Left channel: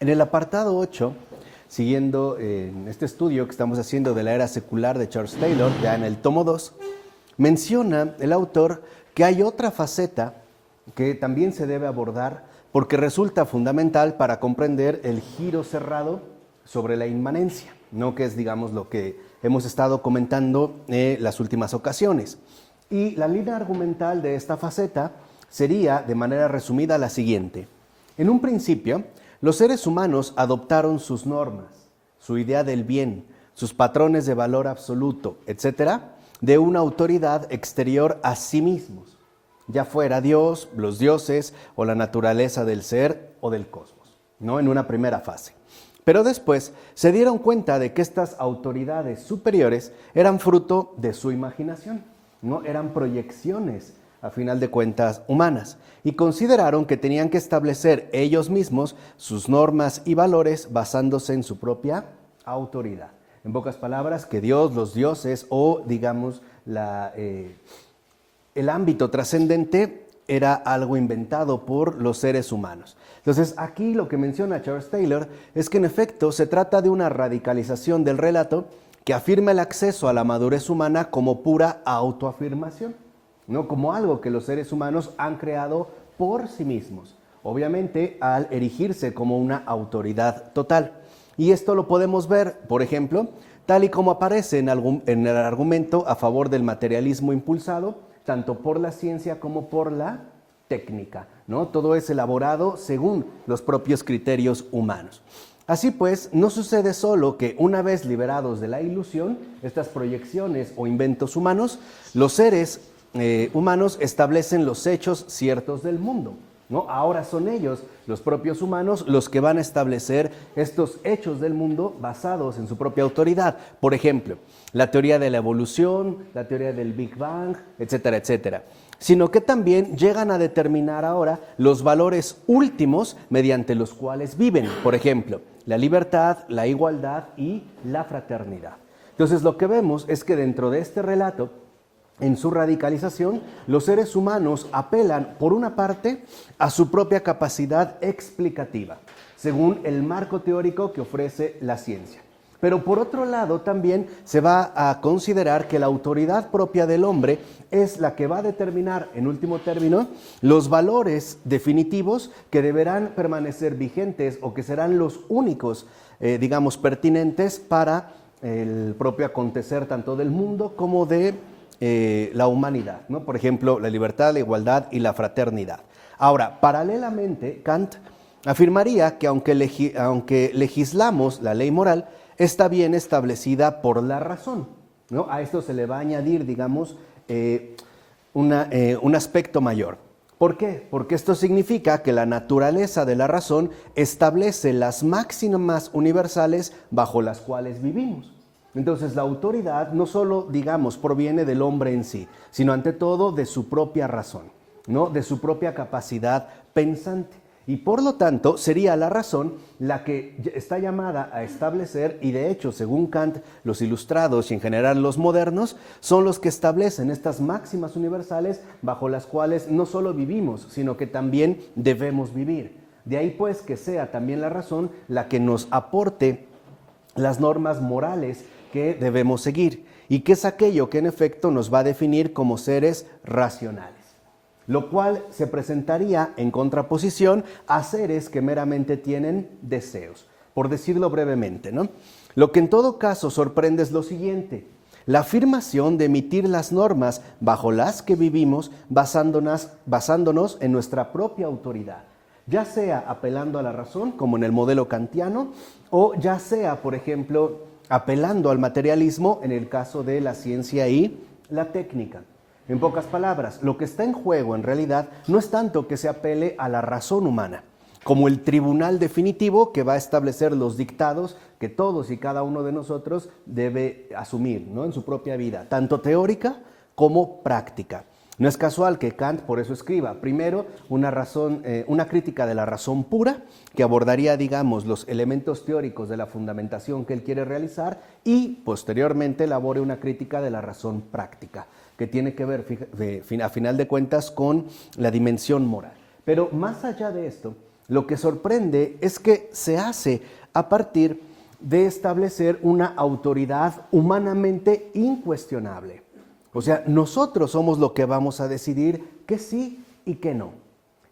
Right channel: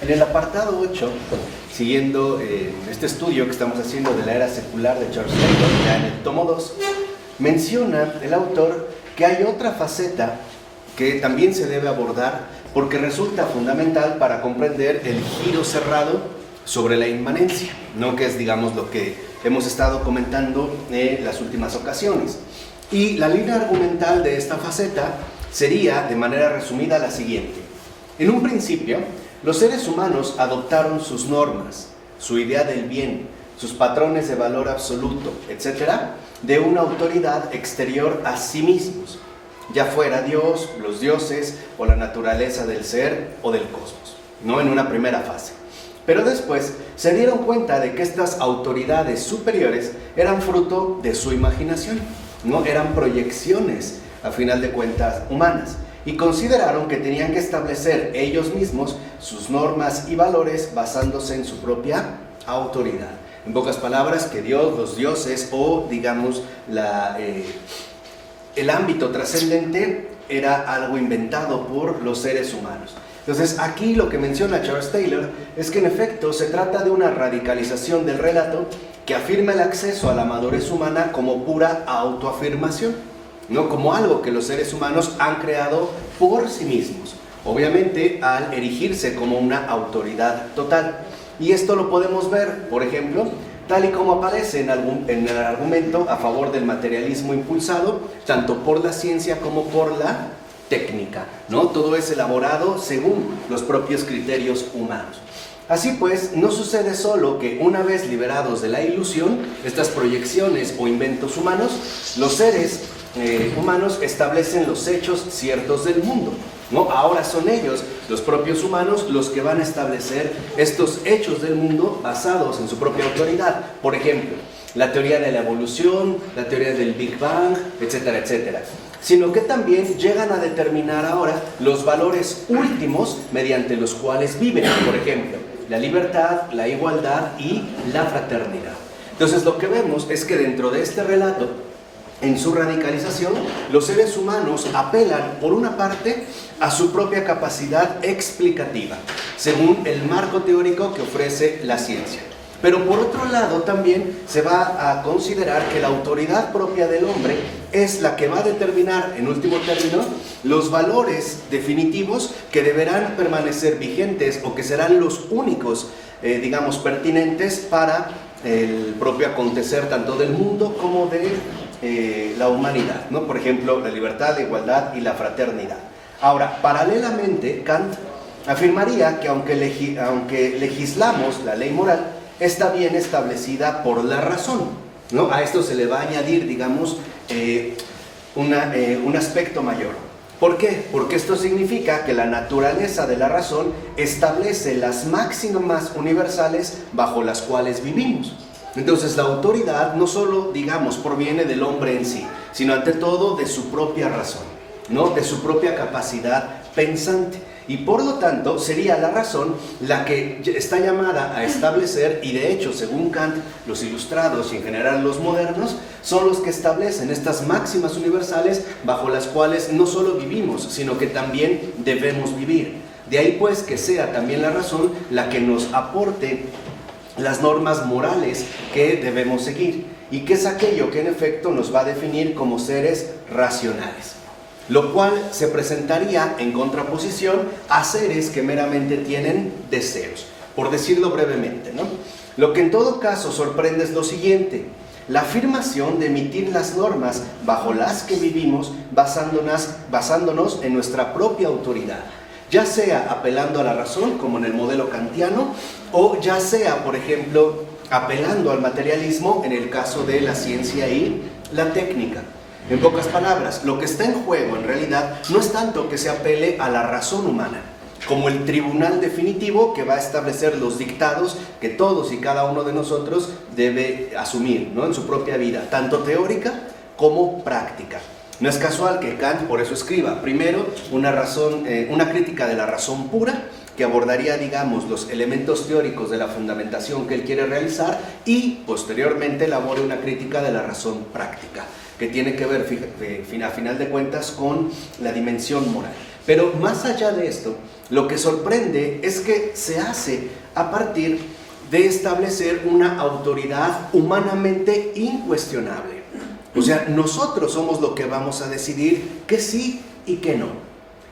En el apartado 8, siguiendo este estudio que estamos haciendo de la era secular de Charles Taylor, ya en el tomo 2, menciona el autor que hay otra faceta que también se debe abordar porque resulta fundamental para comprender el giro cerrado sobre la inmanencia, ¿no? Que es, digamos, lo que hemos estado comentando en las últimas ocasiones. Y la línea argumental de esta faceta sería, de manera resumida, la siguiente. En un principio, los seres humanos adoptaron sus normas, su idea del bien, sus patrones de valor absoluto, etc., de una autoridad exterior a sí mismos, ya fuera Dios, los dioses o la naturaleza del ser o del cosmos, ¿no? En una primera fase. Pero después se dieron cuenta de que estas autoridades superiores eran fruto de su imaginación, ¿no? Eran proyecciones, a final de cuentas, humanas, y consideraron que tenían que establecer ellos mismos sus normas y valores basándose en su propia autoridad. En pocas palabras, que Dios, los dioses o, digamos, el ámbito trascendente era algo inventado por los seres humanos. Entonces, aquí lo que menciona Charles Taylor es que en efecto se trata de una radicalización del relato que afirma el acceso a la madurez humana como pura autoafirmación, no como algo que los seres humanos han creado por sí mismos, obviamente al erigirse como una autoridad total. Y esto lo podemos ver, por ejemplo, tal y como aparece en el argumento a favor del materialismo impulsado, tanto por la ciencia como por la técnica, ¿no? Todo es elaborado según los propios criterios humanos. Así pues, no sucede solo que una vez liberados de la ilusión, estas proyecciones o inventos humanos, los seres humanos establecen los hechos ciertos del mundo, ¿no? Ahora son ellos, los propios humanos, los que van a establecer estos hechos del mundo basados en su propia autoridad. Por ejemplo, la teoría de la evolución, la teoría del Big Bang, etcétera, etcétera. Sino que también llegan a determinar ahora los valores últimos mediante los cuales viven. Por ejemplo, la libertad, la igualdad y la fraternidad. Entonces, lo que vemos es que dentro de este relato, en su radicalización, los seres humanos apelan, por una parte, a su propia capacidad explicativa, según el marco teórico que ofrece la ciencia. Pero por otro lado, también se va a considerar que la autoridad propia del hombre es la que va a determinar, en último término, los valores definitivos que deberán permanecer vigentes o que serán los únicos, digamos, pertinentes para el propio acontecer tanto del mundo como de la humanidad, ¿no? Por ejemplo, la libertad, la igualdad y la fraternidad. Ahora, paralelamente, Kant afirmaría que aunque legislamos la ley moral, está bien establecida por la razón, ¿no? A esto se le va a añadir, digamos, un aspecto mayor. ¿Por qué? Porque esto significa que la naturaleza de la razón establece las máximas universales bajo las cuales vivimos. Entonces la autoridad no solo, digamos, proviene del hombre en sí, sino ante todo de su propia razón, ¿no? De su propia capacidad pensante. Y por lo tanto sería la razón la que está llamada a establecer, y de hecho, según Kant, los ilustrados y en general los modernos son los que establecen estas máximas universales bajo las cuales no solo vivimos, sino que también debemos vivir. De ahí pues que sea también la razón la que nos aporte las normas morales que debemos seguir, y que es aquello que en efecto nos va a definir como seres racionales. Lo cual se presentaría en contraposición a seres que meramente tienen deseos, por decirlo brevemente, ¿no? Lo que en todo caso sorprende es lo siguiente: la afirmación de emitir las normas bajo las que vivimos basándonos en nuestra propia autoridad, ya sea apelando a la razón, como en el modelo kantiano, o ya sea, por ejemplo, apelando al materialismo en el caso de la ciencia y la técnica. En pocas palabras, lo que está en juego en realidad no es tanto que se apele a la razón humana, como el tribunal definitivo que va a establecer los dictados que todos y cada uno de nosotros debe asumir, ¿no? En su propia vida, tanto teórica como práctica. No es casual que Kant por eso escriba primero una crítica de la razón pura, que abordaría, digamos, los elementos teóricos de la fundamentación que él quiere realizar, y posteriormente elabore una crítica de la razón práctica, que tiene que ver, a final de cuentas, con la dimensión moral. Pero más allá de esto, lo que sorprende es que se hace a partir de establecer una autoridad humanamente incuestionable. O sea, nosotros somos los que vamos a decidir que sí y que no.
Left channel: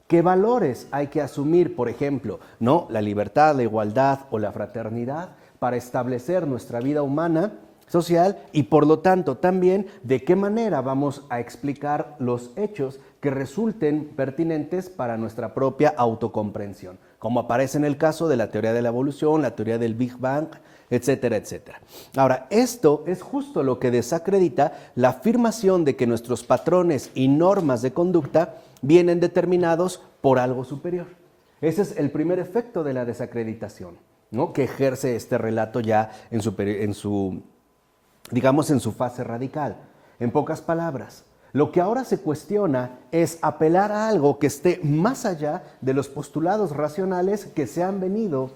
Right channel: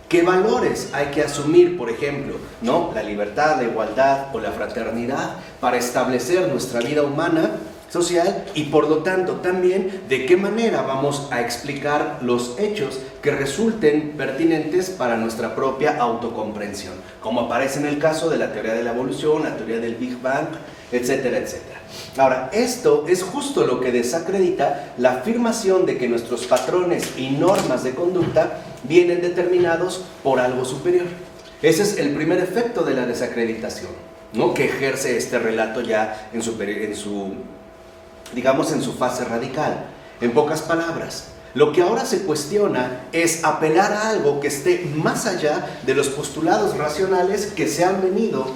¿Qué valores hay que asumir, por ejemplo, ¿no? La libertad, la igualdad o la fraternidad para establecer nuestra vida humana, social, y por lo tanto también de qué manera vamos a explicar los hechos que resulten pertinentes para nuestra propia autocomprensión, como aparece en el caso de la teoría de la evolución, la teoría del Big Bang, etcétera, etcétera. Ahora, esto es justo lo que desacredita la afirmación de que nuestros patrones y normas de conducta vienen determinados por algo superior. Ese es el primer efecto de la desacreditación, ¿no? Que ejerce este relato ya en su fase radical. En pocas palabras, lo que ahora se cuestiona es apelar a algo que esté más allá de los postulados racionales que se han venido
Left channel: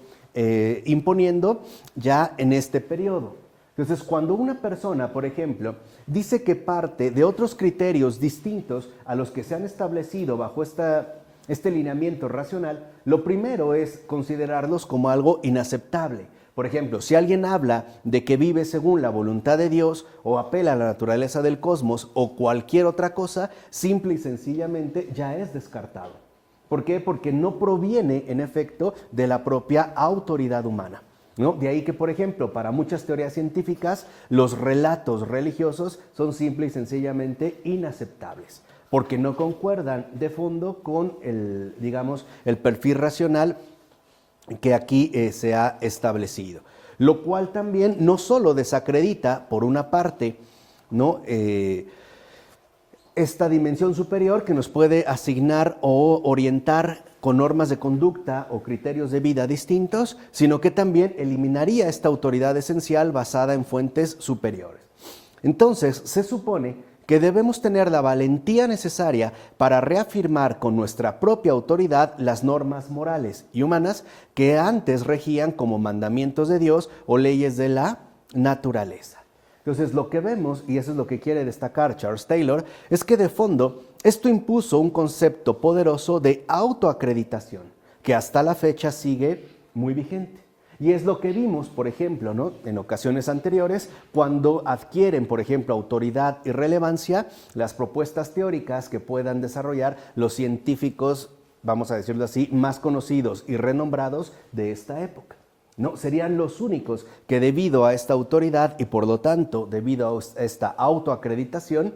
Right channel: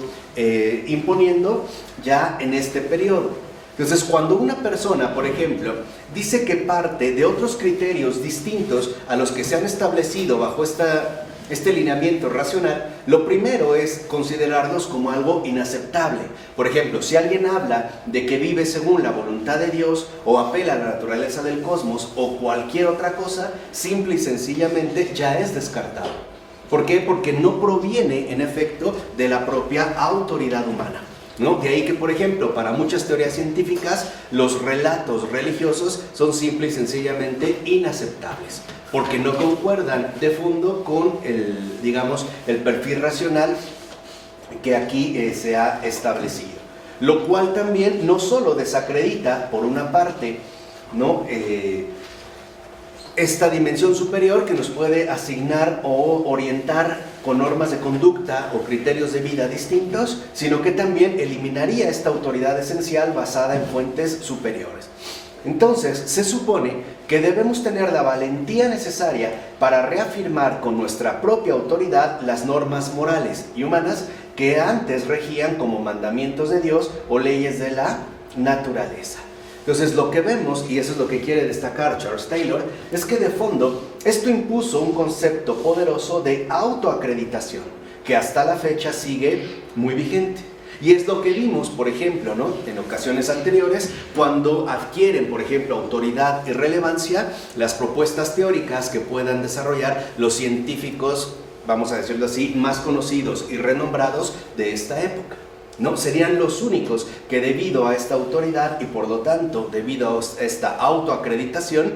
imponiendo ya en este periodo. Entonces, cuando una persona, por ejemplo, dice que parte de otros criterios distintos a los que se han establecido bajo este lineamiento racional, lo primero es considerarlos como algo inaceptable. Por ejemplo, si alguien habla de que vive según la voluntad de Dios o apela a la naturaleza del cosmos o cualquier otra cosa, simple y sencillamente ya es descartado. ¿Por qué? Porque no proviene, en efecto, de la propia autoridad humana, ¿no? De ahí que, por ejemplo, para muchas teorías científicas, los relatos religiosos son simple y sencillamente inaceptables, porque no concuerdan de fondo con el perfil racional que aquí se ha establecido. Lo cual también no solo desacredita, por una parte, ¿no? Esta dimensión superior que nos puede asignar o orientar con normas de conducta o criterios de vida distintos, sino que también eliminaría esta autoridad esencial basada en fuentes superiores. Entonces, se supone que debemos tener la valentía necesaria para reafirmar con nuestra propia autoridad las normas morales y humanas que antes regían como mandamientos de Dios o leyes de la naturaleza. Entonces, lo que vemos, y eso es lo que quiere destacar Charles Taylor, es que de fondo esto impuso un concepto poderoso de autoacreditación, que hasta la fecha sigue muy vigente. Y es lo que vimos, por ejemplo, ¿no? En ocasiones anteriores, cuando adquieren, por ejemplo, autoridad y relevancia las propuestas teóricas que puedan desarrollar los científicos, vamos a decirlo así, más conocidos y renombrados de esta época, ¿no? Serían los únicos que, debido a esta autoridad y por lo tanto debido a esta autoacreditación,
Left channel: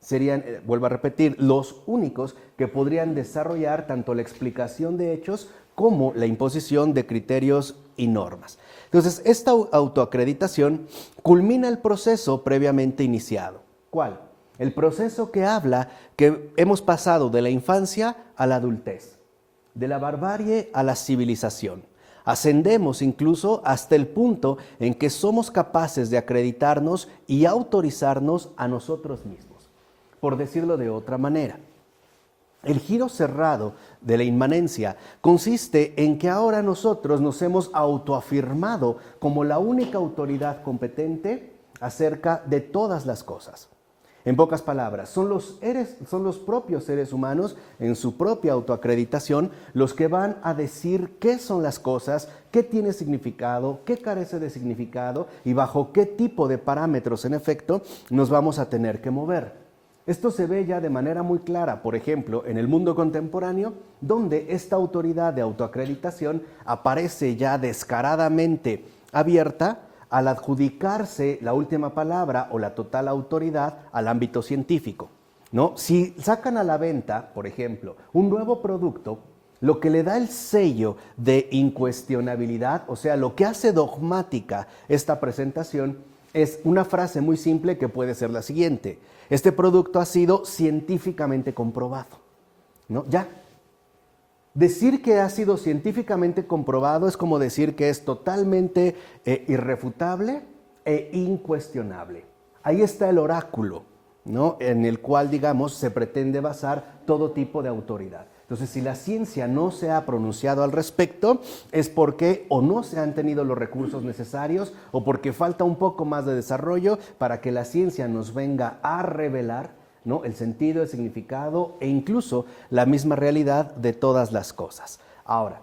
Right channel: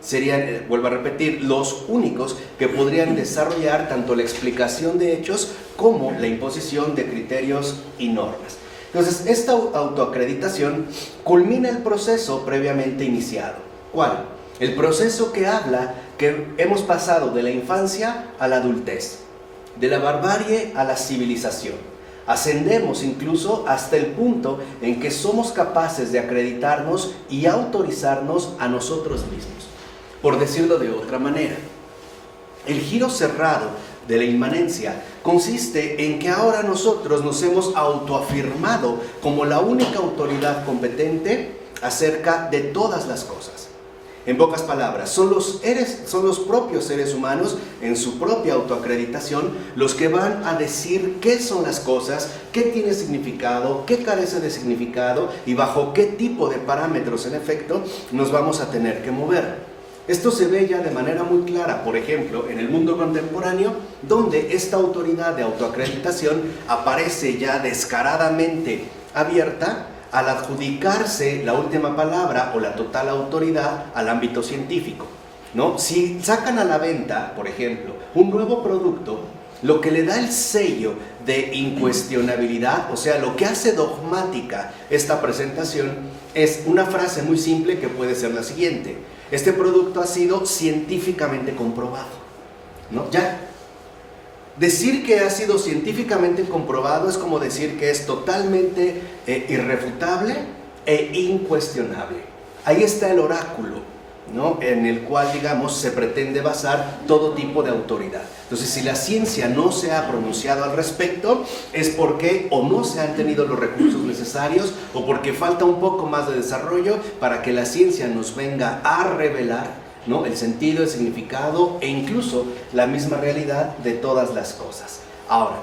serían, vuelvo a repetir, los únicos que podrían desarrollar tanto la explicación de hechos como la imposición de criterios y normas. Entonces, esta autoacreditación culmina el proceso previamente iniciado. ¿Cuál? El proceso que habla que hemos pasado de la infancia a la adultez, de la barbarie a la civilización. Ascendemos incluso hasta el punto en que somos capaces de acreditarnos y autorizarnos a nosotros mismos. Por decirlo de otra manera, el giro cerrado de la inmanencia consiste en que ahora nosotros nos hemos autoafirmado como la única autoridad competente acerca de todas las cosas. En pocas palabras, son los propios seres humanos, en su propia autoacreditación, los que van a decir qué son las cosas, qué tiene significado, qué carece de significado y bajo qué tipo de parámetros, en efecto, nos vamos a tener que mover. Esto se ve ya de manera muy clara, por ejemplo, en el mundo contemporáneo, donde esta autoridad de autoacreditación aparece ya descaradamente abierta al adjudicarse la última palabra o la total autoridad al ámbito científico, ¿no? Si sacan a la venta, por ejemplo, un nuevo producto, lo que le da el sello de incuestionabilidad, o sea, lo que hace dogmática esta presentación, es una frase muy simple que puede ser la siguiente: este producto ha sido científicamente comprobado, ¿no? Ya. Decir que ha sido científicamente comprobado es como decir que es totalmente irrefutable e incuestionable. Ahí está el oráculo, ¿no? En el cual, digamos, se pretende basar todo tipo de autoridad. Entonces, si la ciencia no se ha pronunciado al respecto, es porque o no se han tenido los recursos necesarios o porque falta un poco más de desarrollo para que la ciencia nos venga a revelar, ¿no? El sentido, el significado e incluso la misma realidad de todas las cosas. Ahora,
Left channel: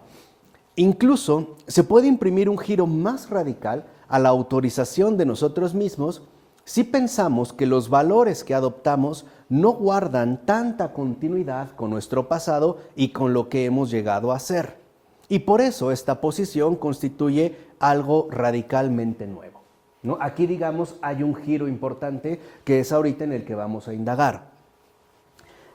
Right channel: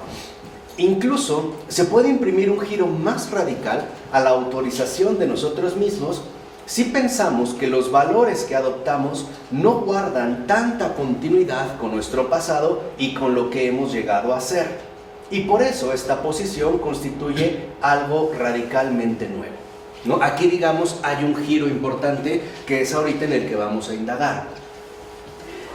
incluso se puede imprimir un giro más radical a la autorización de nosotros mismos si pensamos que los valores que adoptamos no guardan tanta continuidad con nuestro pasado y con lo que hemos llegado a ser. Y por eso esta posición constituye algo radicalmente nuevo, ¿no? Aquí, digamos, hay un giro importante que es ahorita en el que vamos a indagar.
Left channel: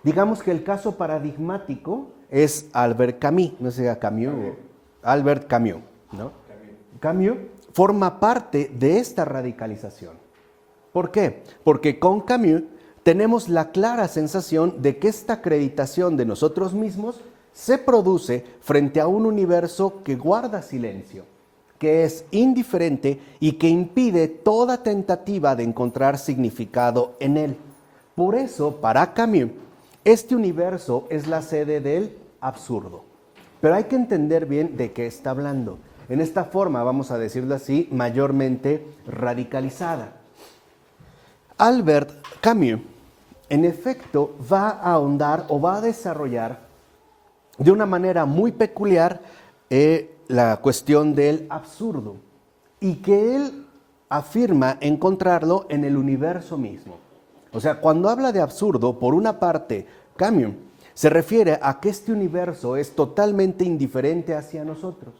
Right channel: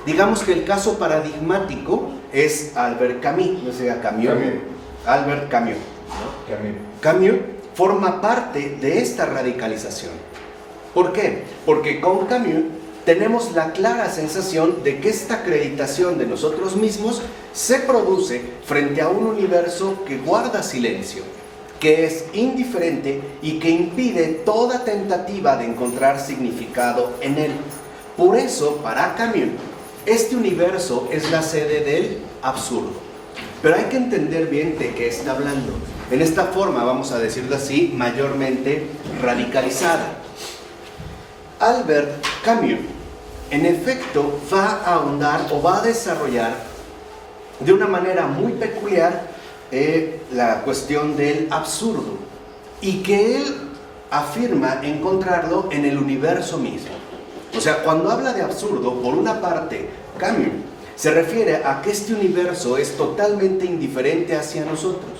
Digamos que el caso paradigmático es Albert Camus, no sé, Albert Camus, ¿no? Camus forma parte de esta radicalización. ¿Por qué? Porque con Camus tenemos la clara sensación de que esta acreditación de nosotros mismos se produce frente a un universo que guarda silencio, que es indiferente y que impide toda tentativa de encontrar significado en él. Por eso, para Camus, este universo es la sede del absurdo. Pero hay que entender bien de qué está hablando. En esta forma, vamos a decirlo así, mayormente radicalizada. Albert Camus, en efecto, va a ahondar o va a desarrollar de una manera muy peculiar la cuestión del absurdo, y que él afirma encontrarlo en el universo mismo. O sea, cuando habla de absurdo, por una parte, Camus se refiere a que este universo es totalmente indiferente hacia nosotros.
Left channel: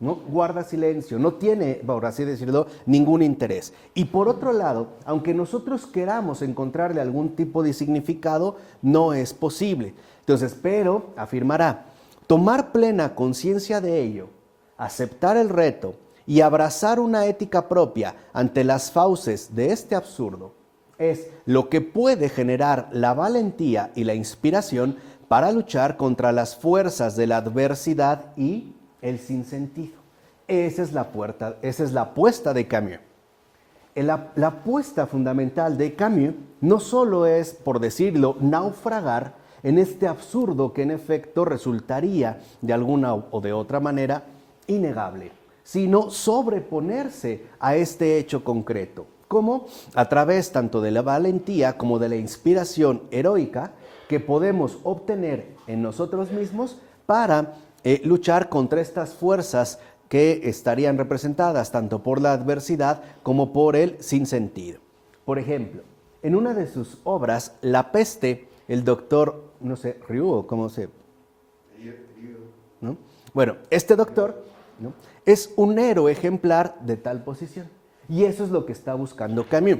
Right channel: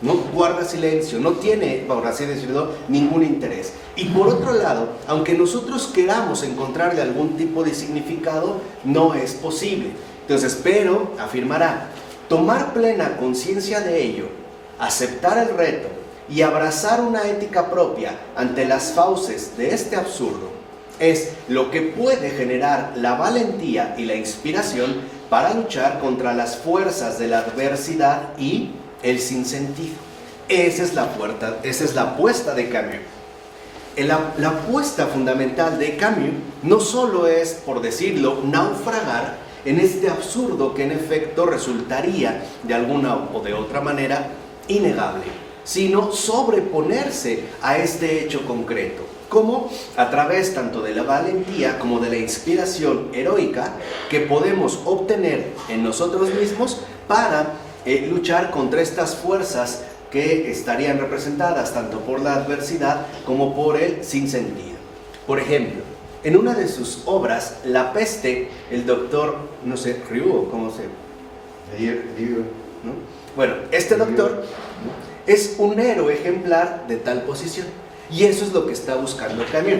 No guarda silencio, no tiene, por así decirlo, ningún interés. Y por otro lado, aunque nosotros queramos encontrarle algún tipo de significado, no es posible. Entonces, pero, afirmará, tomar plena conciencia de ello, aceptar el reto y abrazar una ética propia ante las fauces de este absurdo, es lo que puede generar la valentía y la inspiración para luchar contra las fuerzas de la adversidad y el sinsentido. Esa es la apuesta de Camus. La apuesta fundamental de Camus no solo es, por decirlo, naufragar en este absurdo que en efecto resultaría de alguna o de otra manera innegable, sino sobreponerse a este hecho concreto, como a través tanto de la valentía como de la inspiración heroica que podemos obtener en nosotros mismos para luchar contra estas fuerzas que estarían representadas tanto por la adversidad como por el sinsentido. Por ejemplo, en una de sus obras, La peste, el doctor, no sé, Ryu, ¿cómo se? ¿No? Bueno, este doctor, ¿no?, es un héroe ejemplar de tal posición. Y eso es lo que está buscando Camus.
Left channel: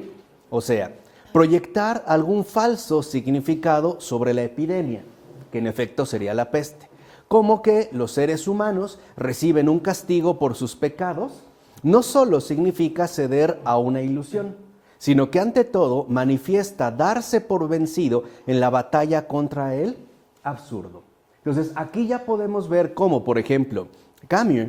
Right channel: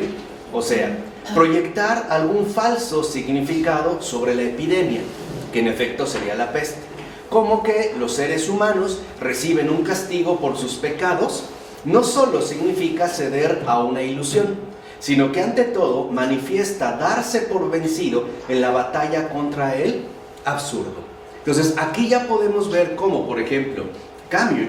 O sea, proyectar algún falso significado sobre la epidemia, que en efecto sería la peste. Como que los seres humanos reciben un castigo por sus pecados, no solo significa ceder a una ilusión, sino que ante todo manifiesta darse por vencido en la batalla contra el absurdo. Entonces aquí ya podemos ver cómo, por ejemplo, Camus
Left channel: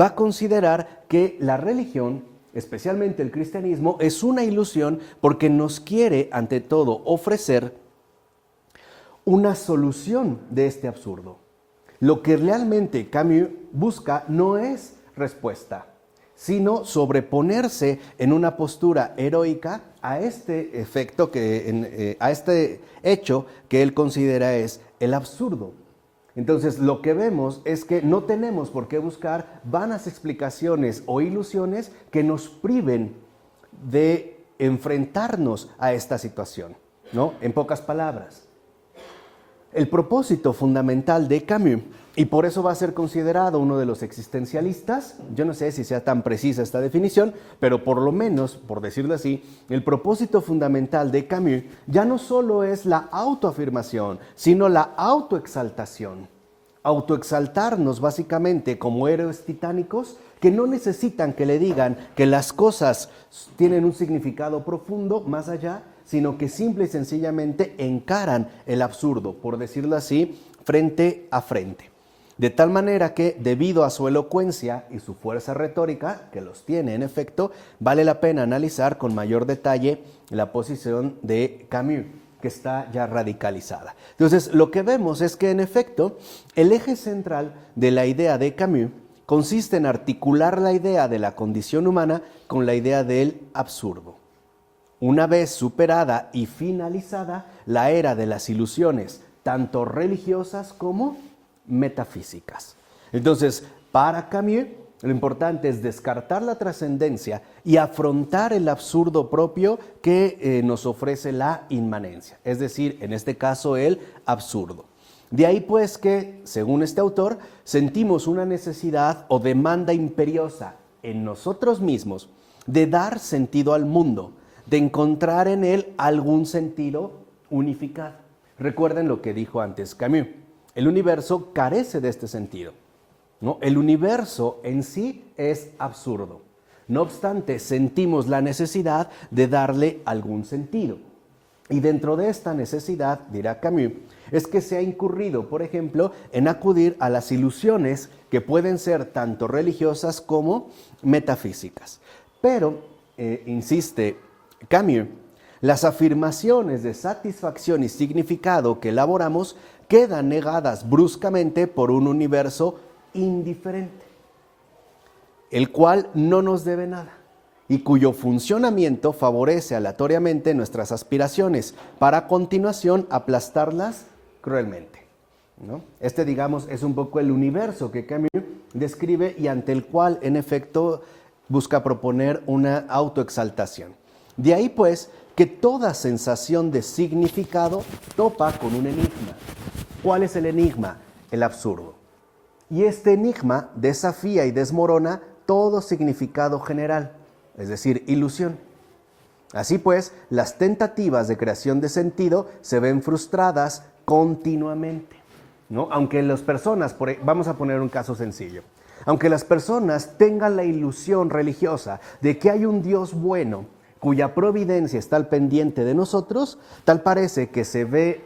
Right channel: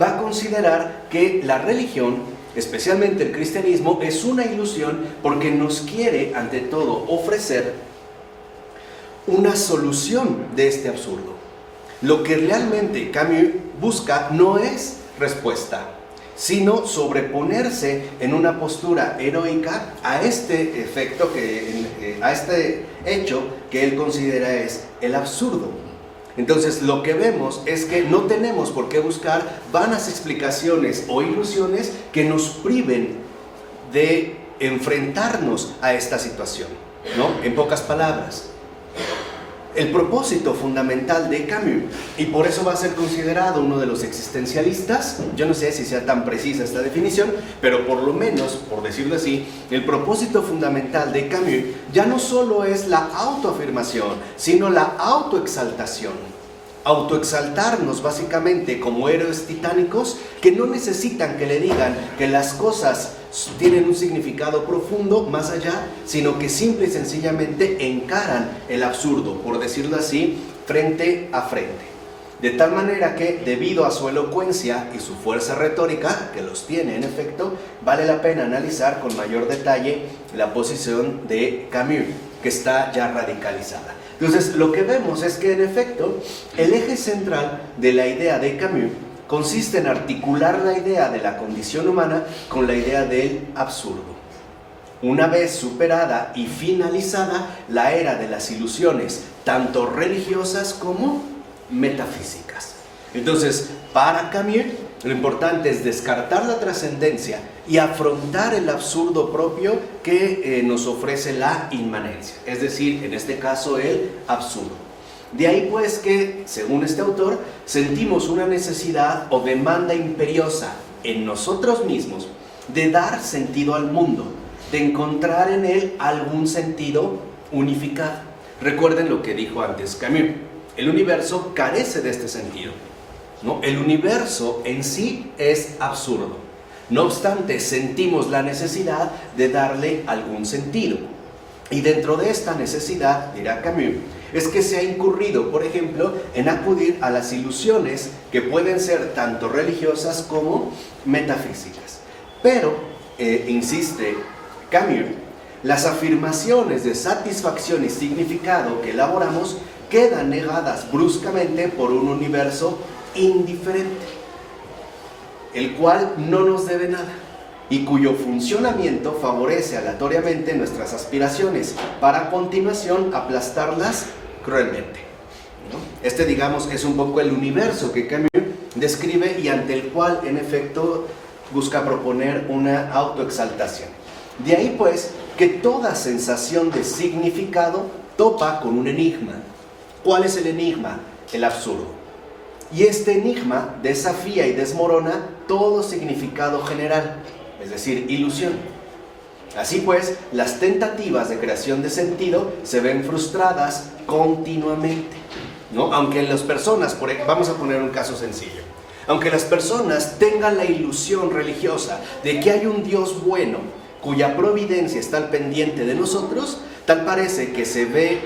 va a considerar que la religión, especialmente el cristianismo, es una ilusión porque nos quiere ante todo ofrecer una solución de este absurdo. Lo que realmente Camus busca no es respuesta, sino sobreponerse en una postura heroica a este efecto, a este hecho que él considera es el absurdo. Entonces lo que vemos es que no tenemos por qué buscar vanas explicaciones o ilusiones que nos priven de enfrentarnos a esta situación, ¿no? En pocas palabras, el propósito fundamental de Camus, y por eso va a ser considerado uno de los existencialistas, yo no sé si sea tan precisa esta definición, pero por lo menos, por decirlo así, el propósito fundamental de Camus ya no solo es la autoafirmación, sino la autoexaltación. Autoexaltarnos básicamente como héroes titánicos que no necesitan que le digan que las cosas tienen un significado profundo más allá, sino que simple y sencillamente encaran el absurdo, por decirlo así, frente a frente. De tal manera que, debido a su elocuencia y su fuerza retórica, que los tiene en efecto, vale la pena analizar con mayor detalle la posición de Camus, que está ya radicalizada. Entonces, lo que vemos es que en efecto, el eje central de la idea de Camus consiste en articular la idea de la condición humana con la idea del absurdo. Una vez superada y finalizada la era de las ilusiones, tanto religiosas como metafísicas. Entonces, para Camus, lo importante es descartar la trascendencia y afrontar el absurdo propio que nos ofrece la inmanencia, es decir, en este caso el absurdo. De ahí pues que, según este autor, sentimos una necesidad o demanda imperiosa en nosotros mismos de dar sentido al mundo, de encontrar en él algún sentido unificado. Recuerden lo que dijo antes Camus, el universo carece de este sentido, ¿no? El universo en sí es absurdo. No obstante, sentimos la necesidad de darle algún sentido. Y dentro de esta necesidad, dirá Camus, es que se ha incurrido, por ejemplo, en acudir a las ilusiones que pueden ser tanto religiosas como metafísicas. Pero, insiste Camus, las afirmaciones de satisfacción y significado que elaboramos quedan negadas bruscamente por un universo indiferente, el cual no nos debe nada y cuyo funcionamiento favorece aleatoriamente nuestras aspiraciones para a continuación aplastarlas cruelmente, ¿no? Este, digamos, es un poco el universo que Camus describe y ante el cual, en efecto, busca proponer una autoexaltación. De ahí, pues, que toda sensación de significado topa con un enigma. ¿Cuál es el enigma? El absurdo. Y este enigma desafía y desmorona todo significado general, es decir, ilusión. Así pues, las tentativas de creación de sentido se ven frustradas continuamente, ¿no? Aunque las personas, vamos a poner un caso sencillo, aunque las personas tengan la ilusión religiosa de que hay un Dios bueno, cuya providencia está al pendiente de nosotros, tal parece que se ve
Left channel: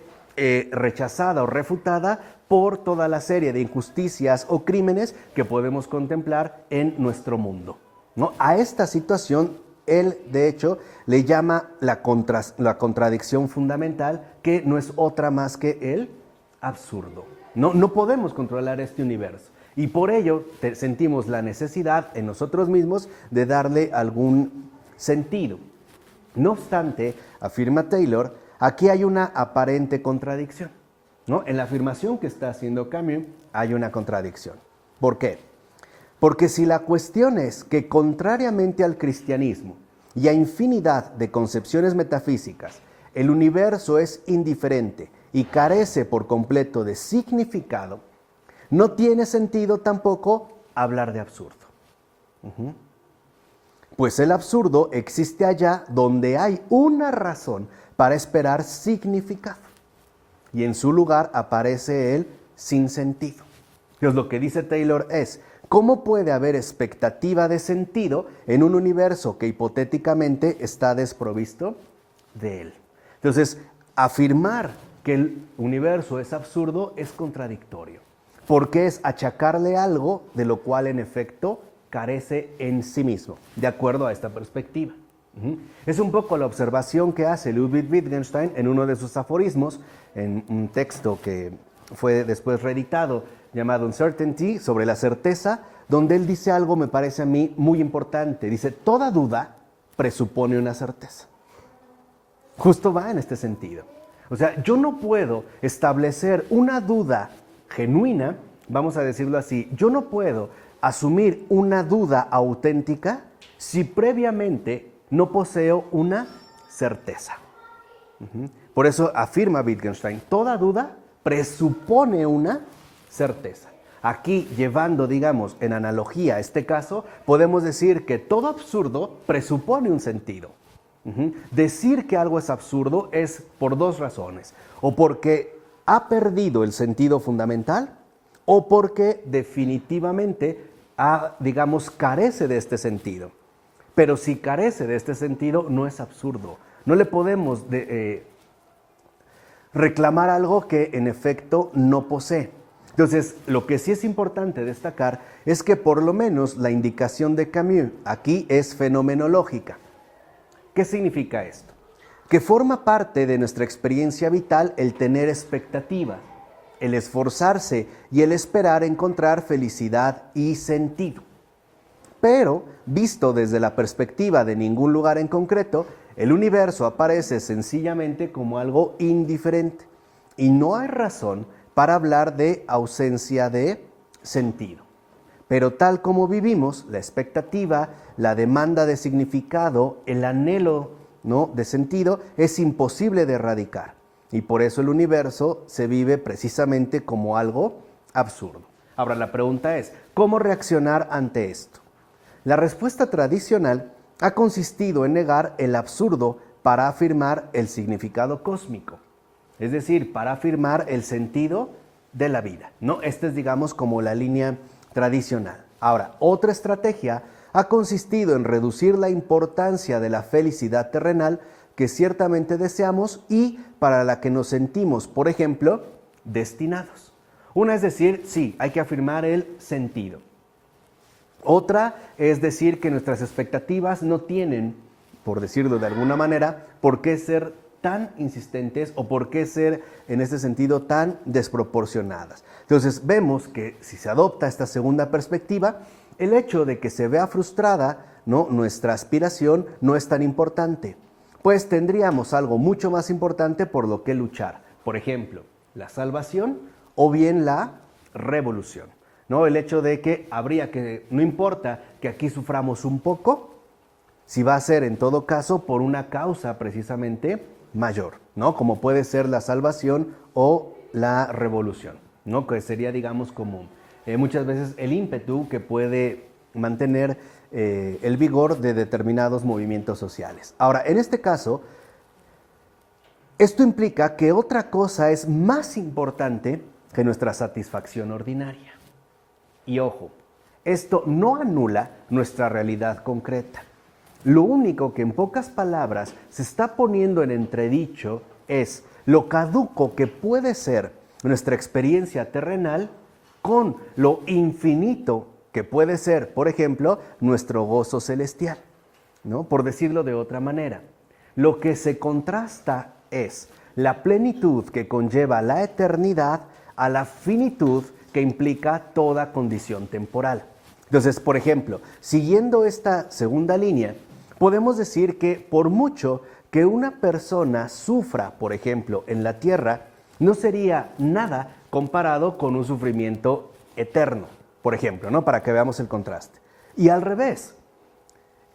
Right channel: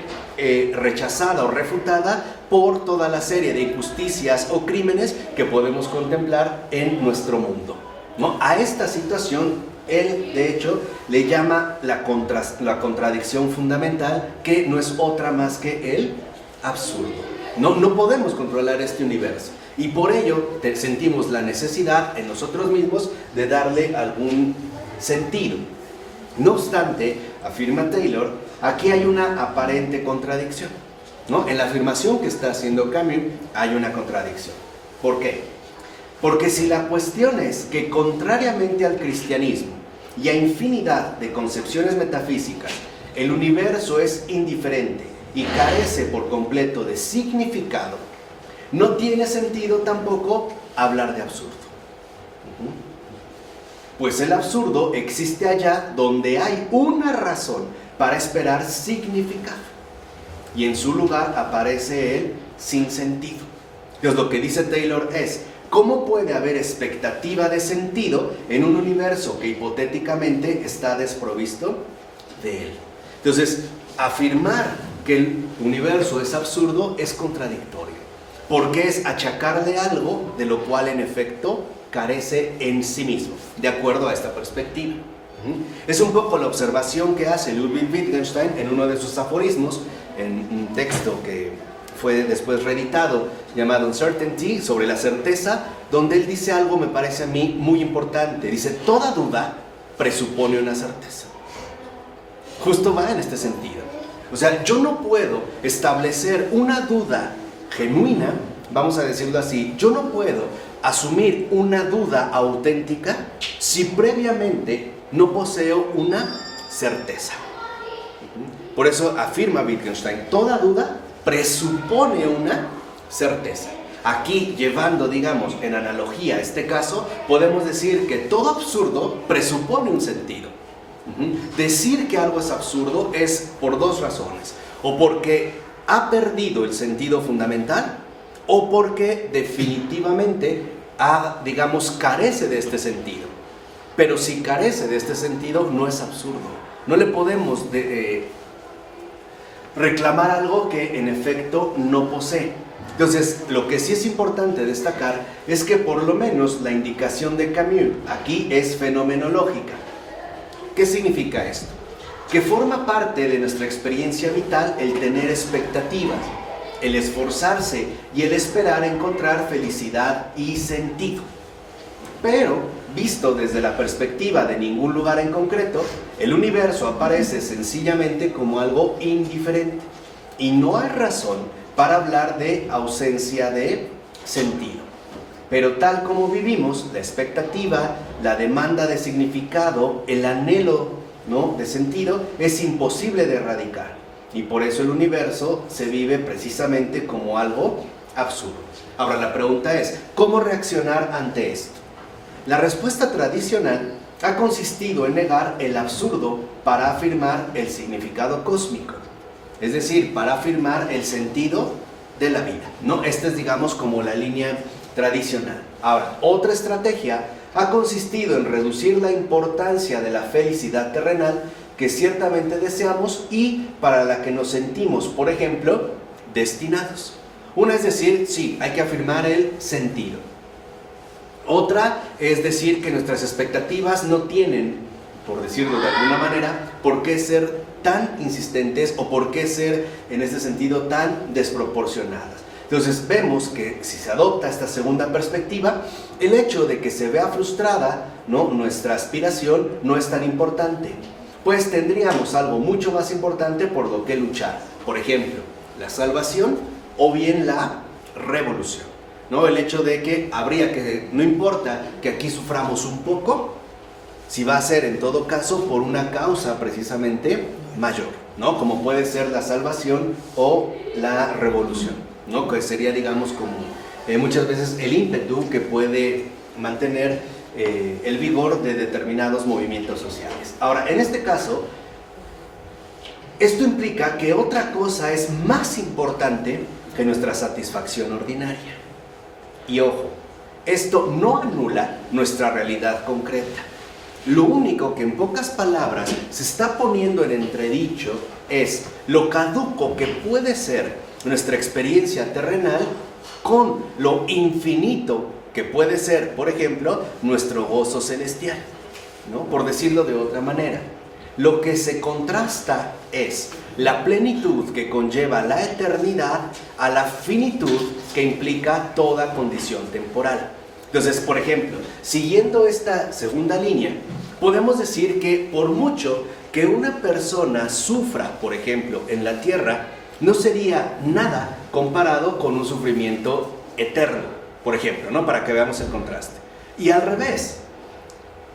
rechazada o refutada por toda la serie de injusticias o crímenes que podemos contemplar en nuestro mundo, ¿no? A esta situación él, de hecho, le llama la contradicción fundamental, que no es otra más que el absurdo. No podemos controlar este universo y por ello sentimos la necesidad en nosotros mismos de darle algún sentido. No obstante, afirma Taylor, aquí hay una aparente contradicción, ¿no? En la afirmación que está haciendo Camus hay una contradicción. ¿Por qué? Porque si la cuestión es que, contrariamente al cristianismo y a infinidad de concepciones metafísicas, el universo es indiferente y carece por completo de significado, no tiene sentido tampoco hablar de absurdo. Pues el absurdo existe allá donde hay una razón para esperar significado, y en su lugar aparece el sinsentido. Entonces, lo que dice Taylor es: ¿cómo puede haber expectativa de sentido en un universo que hipotéticamente está desprovisto de él? Entonces, afirmar que el universo es absurdo es contradictorio, porque es achacarle algo de lo cual en efecto carece en sí mismo, de acuerdo a esta perspectiva. Es un poco la observación que hace Ludwig Wittgenstein en uno de sus aforismos, en un texto que fue después reeditado, llamado Uncertainty, sobre la certeza, donde él dice algo, me parece a mí, muy importante. Dice: toda duda presupone una certeza. Justo va en este sentido. O sea, yo no puedo establecer una duda genuina, vamos a decirlo así, yo no puedo asumir una duda auténtica si previamente no poseo una certeza. Por eso afirma Wittgenstein, toda duda presupone una certeza. Aquí, llevando, digamos, en analogía este caso, podemos decir que todo absurdo presupone un sentido. Decir que algo es absurdo es por dos razones: o porque ha perdido el sentido fundamental, o porque definitivamente carece de este sentido. Pero si carece de este sentido, no es absurdo. No le podemos reclamar algo que en efecto no posee. Entonces, lo que sí es importante destacar es que por lo menos la indicación de Camus aquí es fenomenológica. ¿Qué significa esto? Que forma parte de nuestra experiencia vital el tener expectativas, el esforzarse y el esperar encontrar felicidad y sentido. Pero, visto desde la perspectiva de ningún lugar en concreto, el universo aparece sencillamente como algo indiferente. Y no hay razón para hablar de ausencia de sentido. Pero tal como vivimos, la expectativa, la demanda de significado, el anhelo, ¿no?, de sentido, es imposible de erradicar. Y por eso el universo se vive precisamente como algo absurdo. Ahora la pregunta es, ¿cómo reaccionar ante esto? La respuesta tradicional ha consistido en negar el absurdo para afirmar el significado cósmico. Es decir, para afirmar el sentido de la vida, ¿no? Esta es, digamos, como la línea tradicional. Ahora, otra estrategia ha consistido en reducir la importancia de la felicidad terrenal que ciertamente deseamos y para la que nos sentimos, por ejemplo, destinados. Una es decir, sí, hay que afirmar el sentido. Otra es decir que nuestras expectativas no tienen, por decirlo de alguna manera, por qué ser tan insistentes o por qué ser, en este sentido, tan desproporcionadas. Entonces vemos que si se adopta esta segunda perspectiva, el hecho de que se vea frustrada, ¿no?, nuestra aspiración no es tan importante, pues tendríamos algo mucho más importante por lo que luchar. Por ejemplo, la salvación o bien la revolución, ¿no? El hecho de que no importa que aquí suframos un poco, si va a ser en todo caso por una causa precisamente mayor, ¿no? Como puede ser la salvación o la revolución, ¿no? Que sería, digamos, como muchas veces el ímpetu que puede mantener el vigor de determinados movimientos sociales. Ahora, en este caso, esto implica que otra cosa es más importante que nuestra satisfacción ordinaria. Y ojo, esto no anula nuestra realidad concreta. Lo único que en pocas palabras se está poniendo en entredicho es lo caduco que puede ser nuestra experiencia terrenal con lo infinito que puede ser, por ejemplo, nuestro gozo celestial, ¿no? Por decirlo de otra manera, lo que se contrasta es la plenitud que conlleva la eternidad a la finitud que implica toda condición temporal. Entonces, por ejemplo, siguiendo esta segunda línea, podemos decir que por mucho que una persona sufra, por ejemplo, en la tierra, no sería nada comparado con un sufrimiento eterno, por ejemplo, ¿no? Para que veamos el contraste. Y al revés,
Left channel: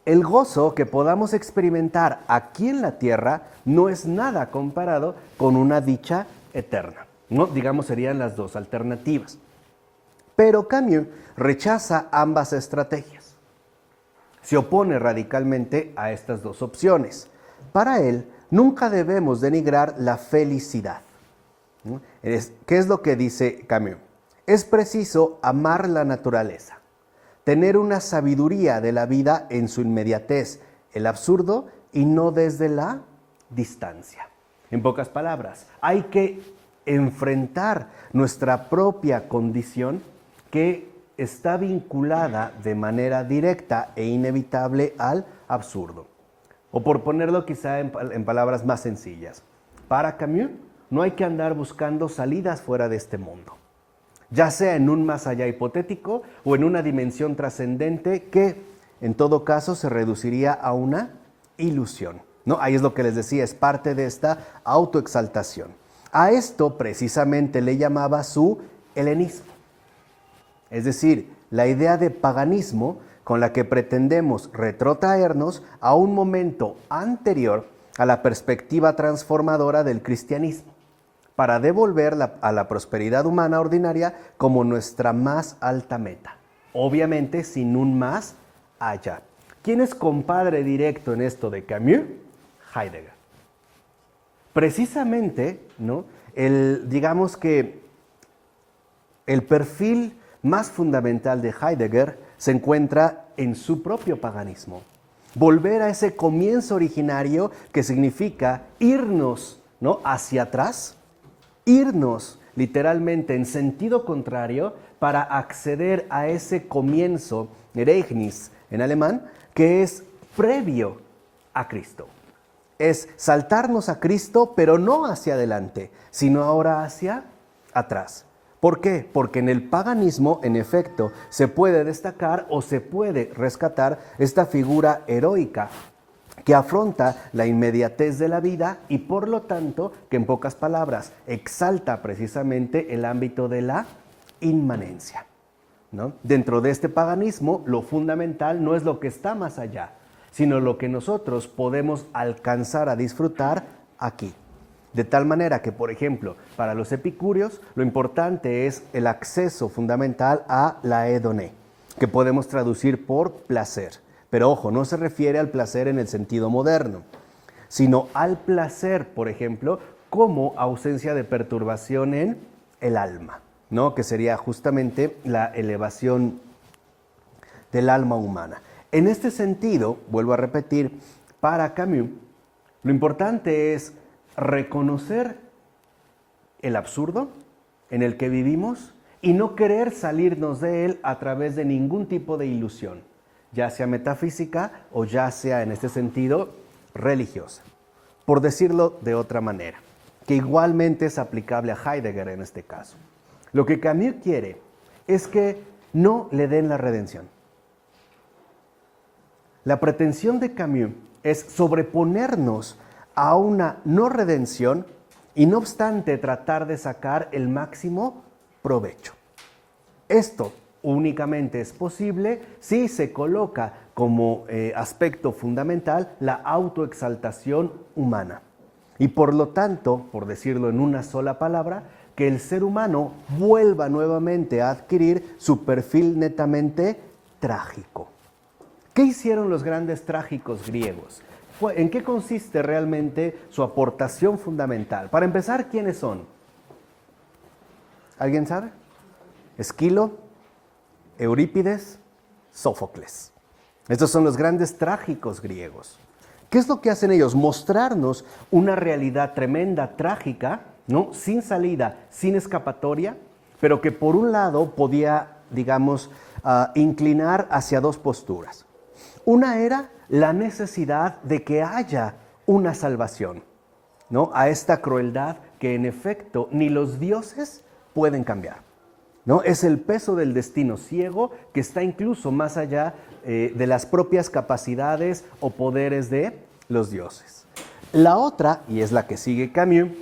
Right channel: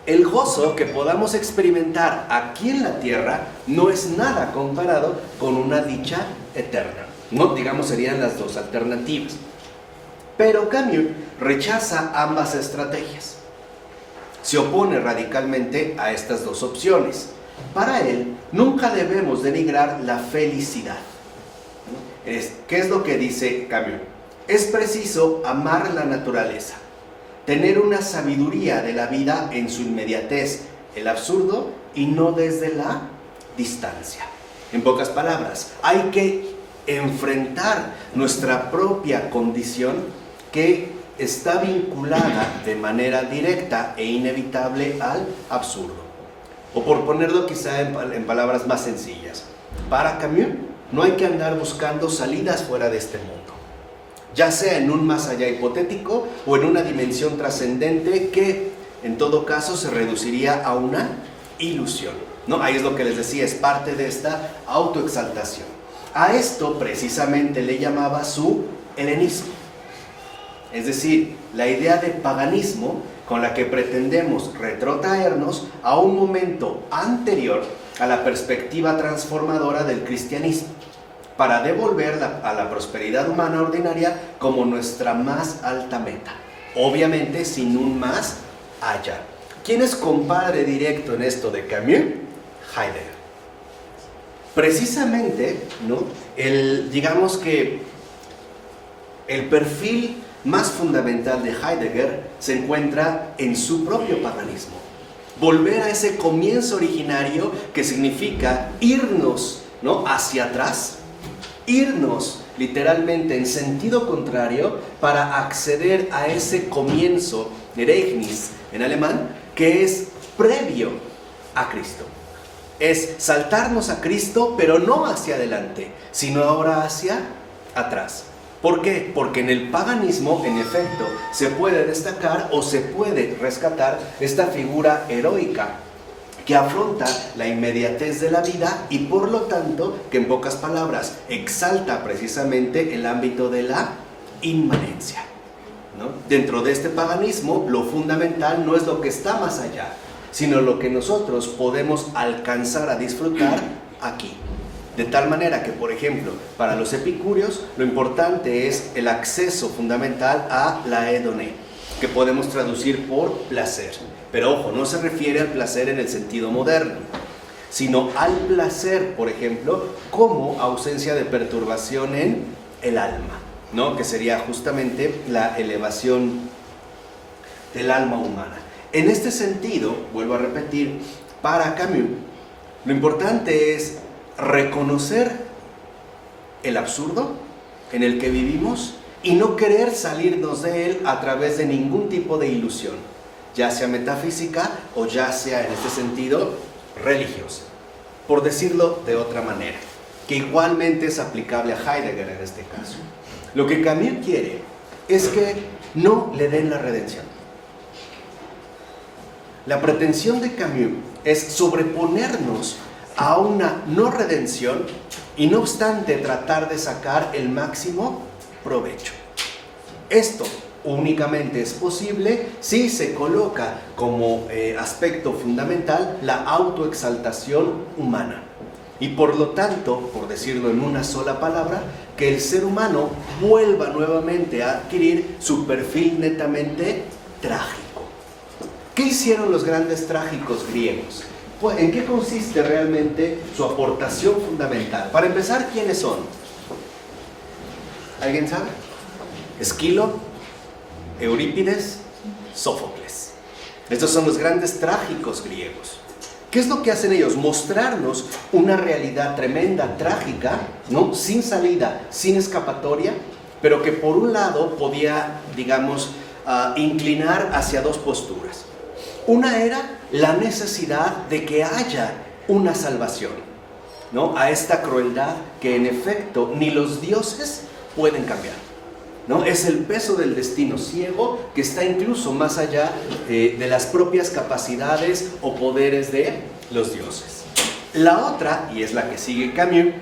el gozo que podamos experimentar aquí en la tierra no es nada comparado con una dicha eterna, ¿no? Digamos, serían las dos alternativas. Pero Camus rechaza ambas estrategias. Se opone radicalmente a estas dos opciones. Para él, nunca debemos denigrar la felicidad. ¿Qué es lo que dice Camus? Es preciso amar la naturaleza, tener una sabiduría de la vida en su inmediatez, el absurdo, y no desde la distancia. En pocas palabras, hay que enfrentar nuestra propia condición que está vinculada de manera directa e inevitable al absurdo. O por ponerlo quizá en palabras más sencillas, para Camus no hay que andar buscando salidas fuera de este mundo, ya sea en un más allá hipotético o en una dimensión trascendente que en todo caso se reduciría a una ilusión, ¿no? Ahí es lo que les decía, es parte de esta autoexaltación. A esto precisamente le llamaba su helenismo. Es decir, la idea de paganismo con la que pretendemos retrotraernos a un momento anterior a la perspectiva transformadora del cristianismo, para devolver a la prosperidad humana ordinaria como nuestra más alta meta. Obviamente sin un más allá. ¿Quién es compadre directo en esto de Camus? Heidegger. Precisamente, ¿no? Digamos que el perfil más fundamental de Heidegger se encuentra en su propio paganismo. Volver a ese comienzo originario que significa irnos, ¿no?, hacia atrás, irnos literalmente en sentido contrario para acceder a ese comienzo, Ereignis en alemán, que es previo a Cristo. Es saltarnos a Cristo, pero no hacia adelante, sino ahora hacia atrás. ¿Por qué? Porque en el paganismo, en efecto, se puede destacar o se puede rescatar esta figura heroica que afronta la inmediatez de la vida y por lo tanto, que en pocas palabras, exalta precisamente el ámbito de la inmanencia. ¿no? Dentro de este paganismo, lo fundamental no es lo que está más allá, sino lo que nosotros podemos alcanzar a disfrutar aquí. De tal manera que, por ejemplo, para los epicúreos, lo importante es el acceso fundamental a la hedoné, que podemos traducir por placer. Pero ojo, no se refiere al placer en el sentido moderno, sino al placer, por ejemplo, como ausencia de perturbación en el alma, ¿no? Que sería justamente la elevación del alma humana. En este sentido, vuelvo a repetir, para Camus, lo importante es reconocer el absurdo en el que vivimos y no querer salirnos de él a través de ningún tipo de ilusión, ya sea metafísica o ya sea, en este sentido, religiosa, por decirlo de otra manera, que igualmente es aplicable a Heidegger en este caso. Lo que Camus quiere es que no le den la redención. La pretensión de Camus es sobreponernos a una no redención y no obstante tratar de sacar el máximo provecho. Esto únicamente es posible si se coloca como aspecto fundamental la autoexaltación humana. Y por lo tanto, por decirlo en una sola palabra, que el ser humano vuelva nuevamente a adquirir su perfil netamente trágico. ¿Qué hicieron los grandes trágicos griegos? ¿En qué consiste realmente su aportación fundamental? Para empezar, ¿quiénes son? ¿Alguien sabe? Esquilo, Eurípides, Sófocles. Estos son los grandes trágicos griegos. ¿Qué es lo que hacen ellos? Mostrarnos una realidad tremenda, trágica, ¿no? Sin salida, sin escapatoria, pero que por un lado podía, digamos, inclinar hacia dos posturas. Una era la necesidad de que haya una salvación, ¿no? A esta crueldad que en efecto ni los dioses pueden cambiar, ¿no? Es el peso del destino ciego que está incluso más allá de las propias capacidades o poderes de los dioses. La otra, y es la que sigue Camus,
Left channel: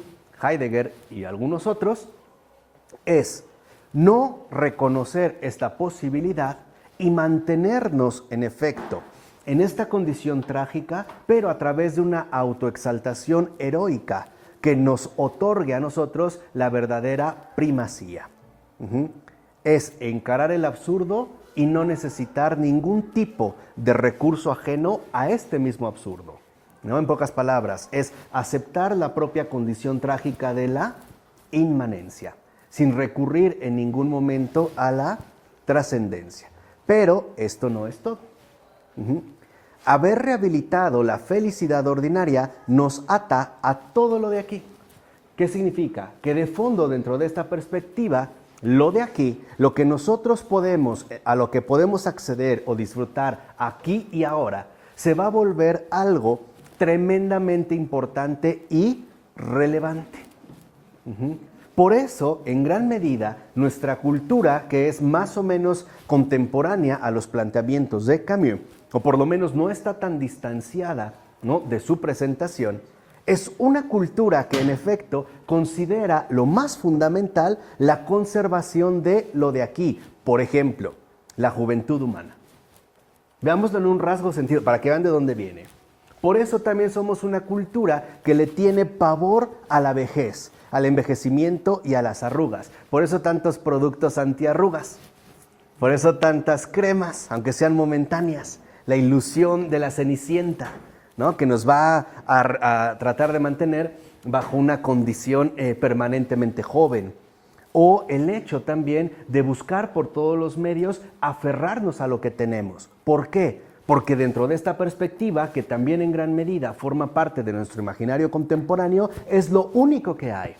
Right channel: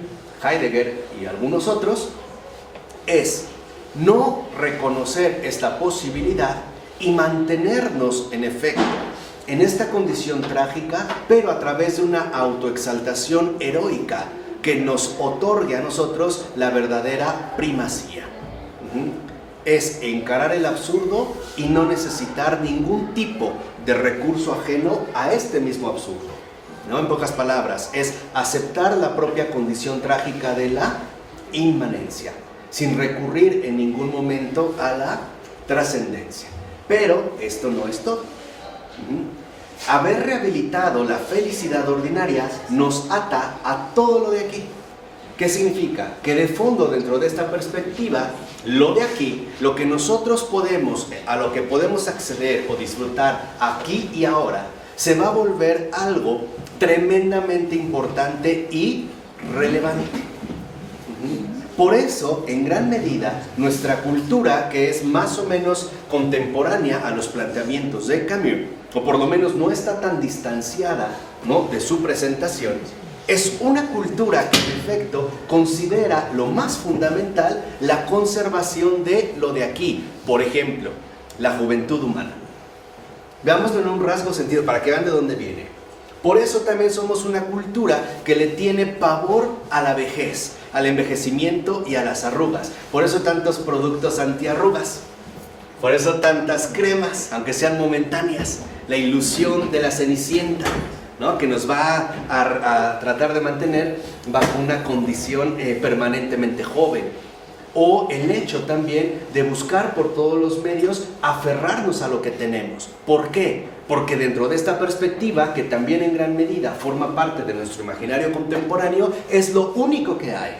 Heidegger y algunos otros, es no reconocer esta posibilidad y mantenernos en efecto en esta condición trágica, pero a través de una autoexaltación heroica que nos otorgue a nosotros la verdadera primacía. Es encarar el absurdo y no necesitar ningún tipo de recurso ajeno a este mismo absurdo, ¿no? En pocas palabras, es aceptar la propia condición trágica de la inmanencia, sin recurrir en ningún momento a la trascendencia. Pero esto no es todo. Haber rehabilitado la felicidad ordinaria nos ata a todo lo de aquí. ¿Qué significa? Que de fondo, dentro de esta perspectiva, lo de aquí, lo que nosotros podemos, a lo que podemos acceder o disfrutar aquí y ahora, se va a volver algo tremendamente importante y relevante. Por eso, en gran medida, nuestra cultura, que es más o menos contemporánea a los planteamientos de Camus, o por lo menos no está tan distanciada, ¿no?, de su presentación, es una cultura que en efecto considera lo más fundamental la conservación de lo de aquí. Por ejemplo, la juventud humana. Veámoslo en un rasgo sentido, para que vean de dónde viene. Por eso también somos una cultura que le tiene pavor a la vejez, al envejecimiento y a las arrugas. Por eso tantos productos antiarrugas. Por eso tantas cremas, aunque sean momentáneas. La ilusión de la Cenicienta, ¿no?, que nos va a tratar de mantener bajo una condición permanentemente joven. O el hecho también de buscar por todos los medios aferrarnos a lo que tenemos. ¿Por qué? Porque dentro de esta perspectiva, que también en gran medida forma parte de nuestro imaginario contemporáneo, es lo único que hay.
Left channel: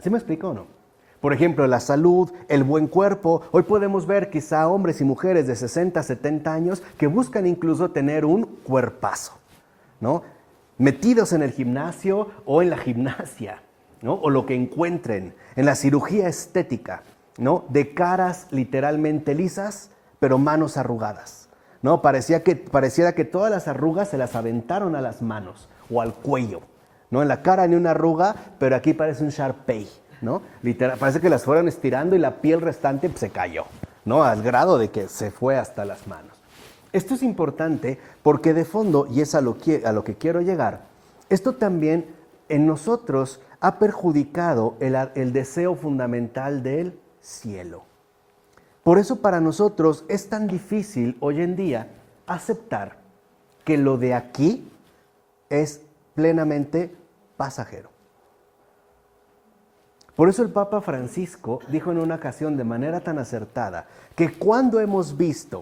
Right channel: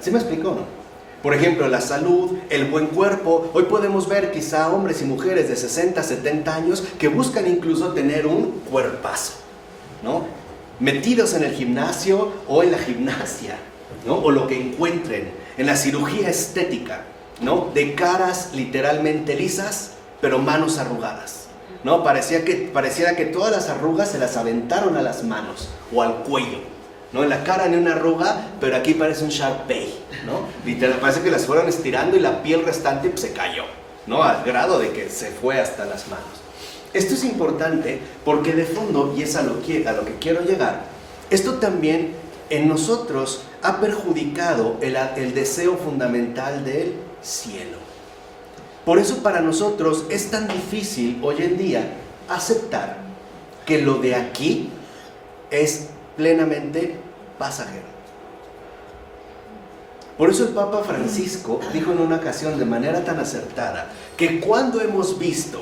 ¿Sí me explico o no? Por ejemplo, la salud, el buen cuerpo. Hoy podemos ver quizá hombres y mujeres de 60, 70 años que buscan incluso tener un cuerpazo, ¿no? Metidos en el gimnasio o en la gimnasia, ¿no?, o lo que encuentren, en la cirugía estética, ¿no?, de caras literalmente lisas, pero manos arrugadas, ¿no? Pareciera que todas las arrugas se las aventaron a las manos o al cuello, ¿no? En la cara ni una arruga, pero aquí parece un Sharpei, ¿no? Literal, parece que las fueron estirando y la piel restante pues, se cayó, ¿no? Al grado de que se fue hasta las manos. Esto es importante porque de fondo, y es a lo que quiero llegar, esto también en nosotros ha perjudicado el deseo fundamental del cielo. Por eso para nosotros es tan difícil hoy en día aceptar que lo de aquí es plenamente pasajero. Por eso el Papa Francisco dijo en una ocasión de manera tan acertada que cuando hemos visto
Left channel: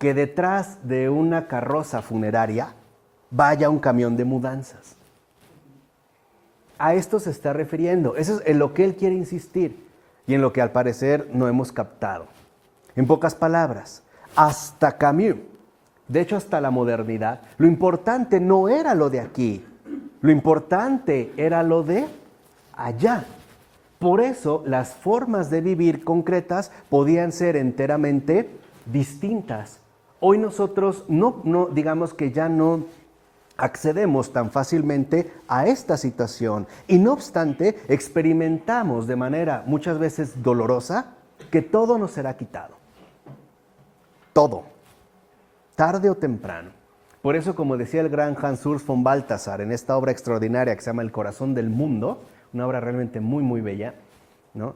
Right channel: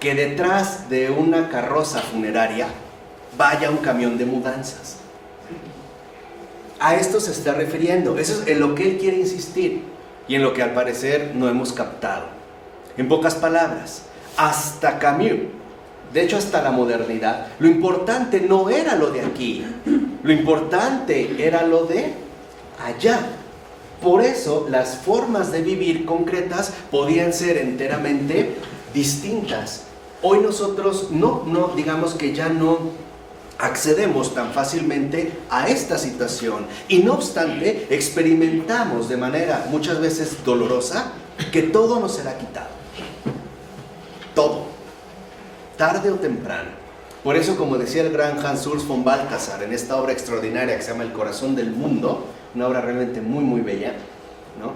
que detrás de una carroza funeraria vaya un camión de mudanzas, a esto se está refiriendo. Eso es en lo que él quiere insistir y en lo que al parecer no hemos captado. En pocas palabras, hasta Camus, de hecho hasta la modernidad, lo importante no era lo de aquí, lo importante era lo de allá. Por eso las formas de vivir concretas podían ser enteramente distintas. Hoy nosotros no digamos que ya no accedemos tan fácilmente a esta situación y no obstante experimentamos de manera muchas veces dolorosa que todo nos será quitado. Todo, tarde o temprano. Por eso, como decía el gran Hans Urs von Balthasar en esta obra extraordinaria que se llama El corazón del mundo, una obra realmente muy muy bella, ¿no?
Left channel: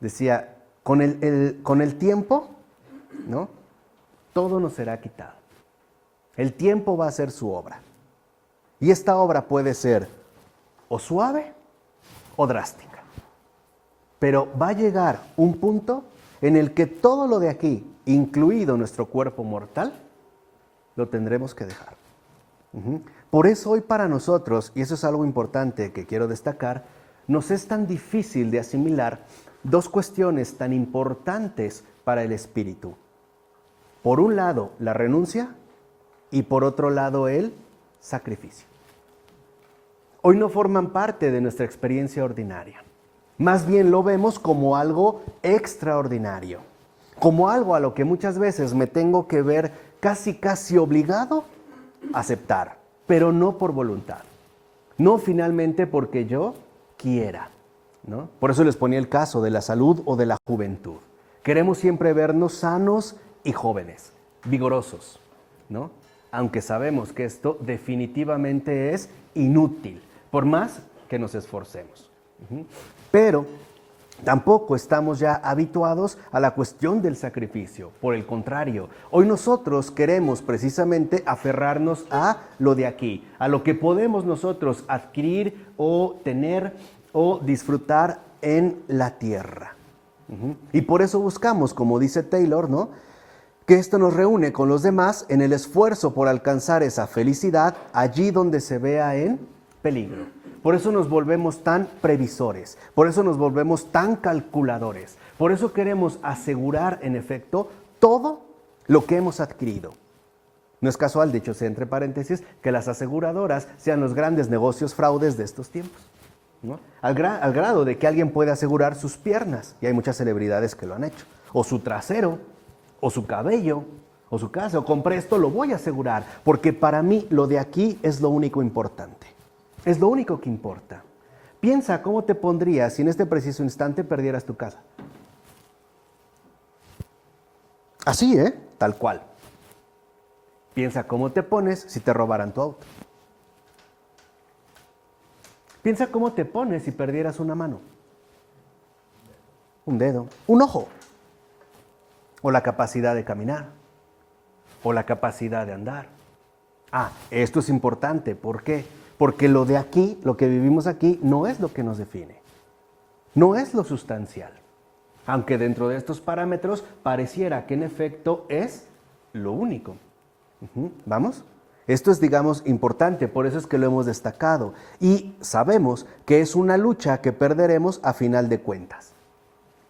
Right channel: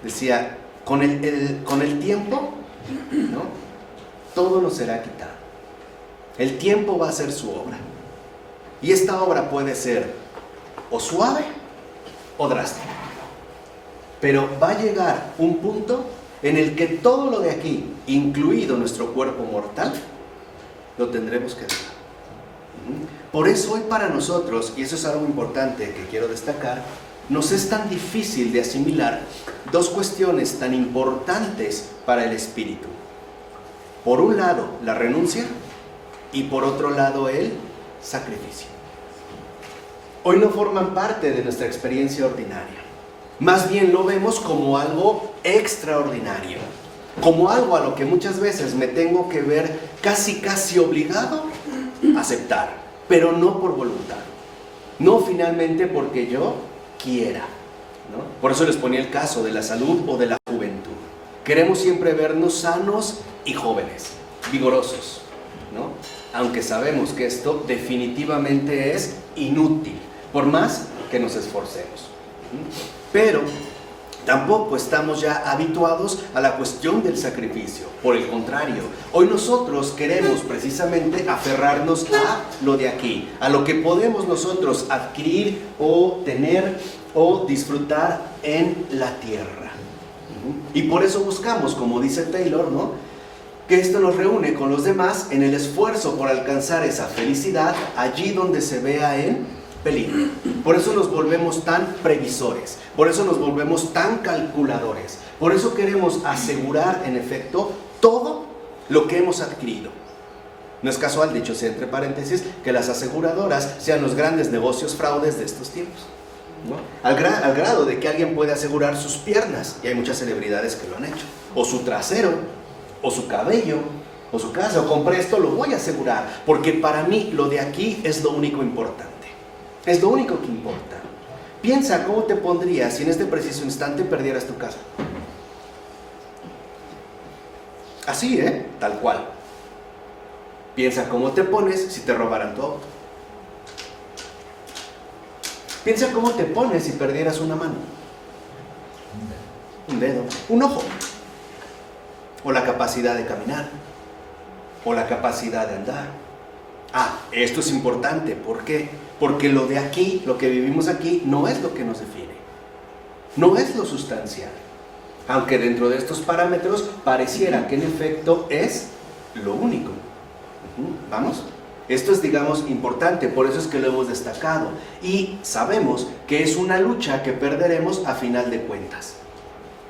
Decía, con el tiempo, ¿no? Todo nos será quitado. El tiempo va a ser su obra. Y esta obra puede ser o suave o drástica. Pero va a llegar un punto en el que todo lo de aquí, incluido nuestro cuerpo mortal, lo tendremos que dejar. Por eso hoy para nosotros, y eso es algo importante que quiero destacar, nos es tan difícil de asimilar dos cuestiones tan importantes para el espíritu. Por un lado, la renuncia y por otro lado, el sacrificio. Hoy no forman parte de nuestra experiencia ordinaria. Más bien lo vemos como algo extraordinario, como algo a lo que muchas veces me tengo que ver casi obligado a aceptar, pero no por voluntad, no finalmente porque yo quiera, ¿no? Por eso les ponía el caso de la salud o de la juventud. Queremos siempre vernos sanos y jóvenes, vigorosos, ¿no? Aunque sabemos que esto definitivamente es inútil, por más que nos esforcemos. Pero tampoco estamos ya habituados a la cuestión del sacrificio. Por el contrario, hoy nosotros queremos precisamente aferrarnos a lo de aquí, a lo que podemos nosotros adquirir o tener o disfrutar en la tierra. Y por eso buscamos, como dice Taylor, ¿no?, que esto nos reúne con los demás en el esfuerzo por alcanzar esa felicidad allí donde se vea en peligro. Por eso nos volvemos tan previsores, por eso nos volvemos tan calculadores, por eso queremos asegurar en efecto todo lo que hemos adquirido. No es casual, dicho sea entre paréntesis, que las aseguradoras sean los grandes negocios fraudes de estos tiempos, ¿no? Al grado de que alguien puede asegurar sus piernas, y hay muchas celebridades que lo han hecho, o su trasero, o su cabello, o su casa, o compré esto, lo voy a asegurar, porque para mí lo de aquí es lo único importante. Es lo único que importa. Piensa cómo te pondrías si en este preciso instante perdieras tu casa. Así, tal cual. Piensa cómo te pones si te robaran tu auto. Piensa cómo te pones si perdieras una mano, un dedo, un ojo, o la capacidad de caminar, o la capacidad de andar. Esto es importante. ¿Por qué? Porque lo de aquí, lo que vivimos aquí, no es lo que nos define. No es lo sustancial. Aunque dentro de estos parámetros pareciera que en efecto es lo único. ¿Vamos? Esto es, digamos, importante, por eso es que lo hemos destacado. Y sabemos que es una lucha que perderemos a final de cuentas.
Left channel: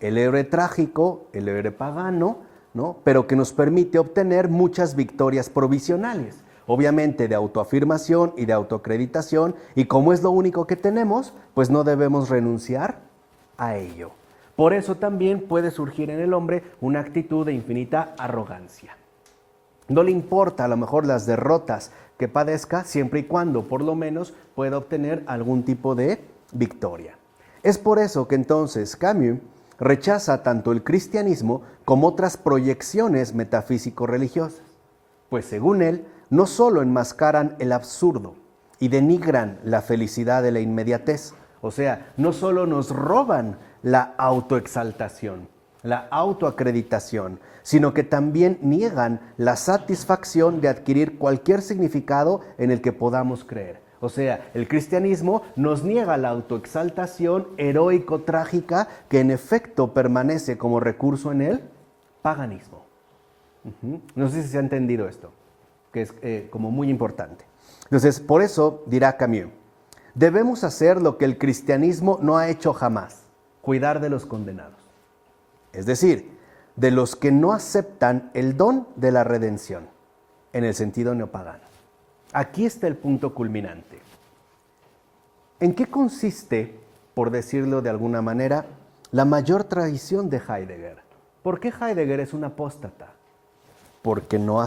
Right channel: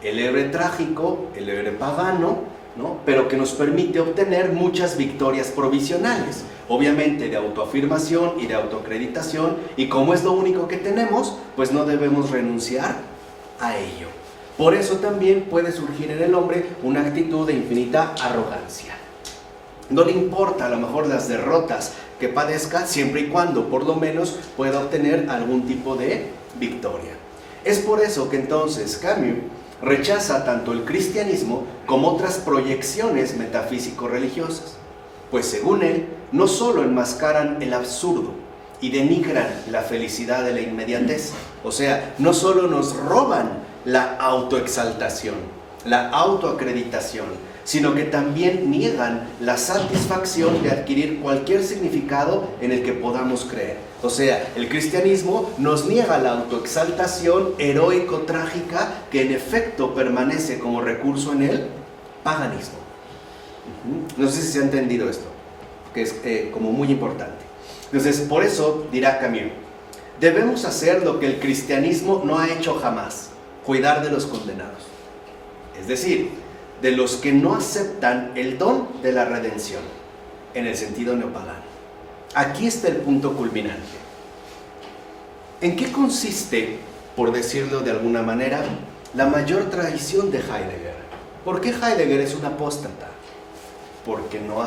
El héroe trágico, el héroe pagano, ¿no?, pero que nos permite obtener muchas victorias provisionales, obviamente de autoafirmación y de autoacreditación, y como es lo único que tenemos, pues no debemos renunciar a ello. Por eso también puede surgir en el hombre una actitud de infinita arrogancia. No le importa a lo mejor las derrotas que padezca, siempre y cuando por lo menos pueda obtener algún tipo de victoria. Es por eso que entonces Camus rechaza tanto el cristianismo como otras proyecciones metafísico-religiosas, pues según él, no solo enmascaran el absurdo y denigran la felicidad de la inmediatez, o sea, no solo nos roban la autoexaltación, la autoacreditación, sino que también niegan la satisfacción de adquirir cualquier significado en el que podamos creer. O sea, el cristianismo nos niega la autoexaltación heroico-trágica que en efecto permanece como recurso en el paganismo. No sé si se ha entendido esto, que es como muy importante. Entonces, por eso dirá Camus, debemos hacer lo que el cristianismo no ha hecho jamás, cuidar de los condenados. Es decir, de los que no aceptan el don de la redención, en el sentido neopagano. Aquí está el punto culminante. ¿En qué consiste, por decirlo de alguna manera, la mayor tradición de Heidegger? ¿Por qué Heidegger es un apóstata? Porque no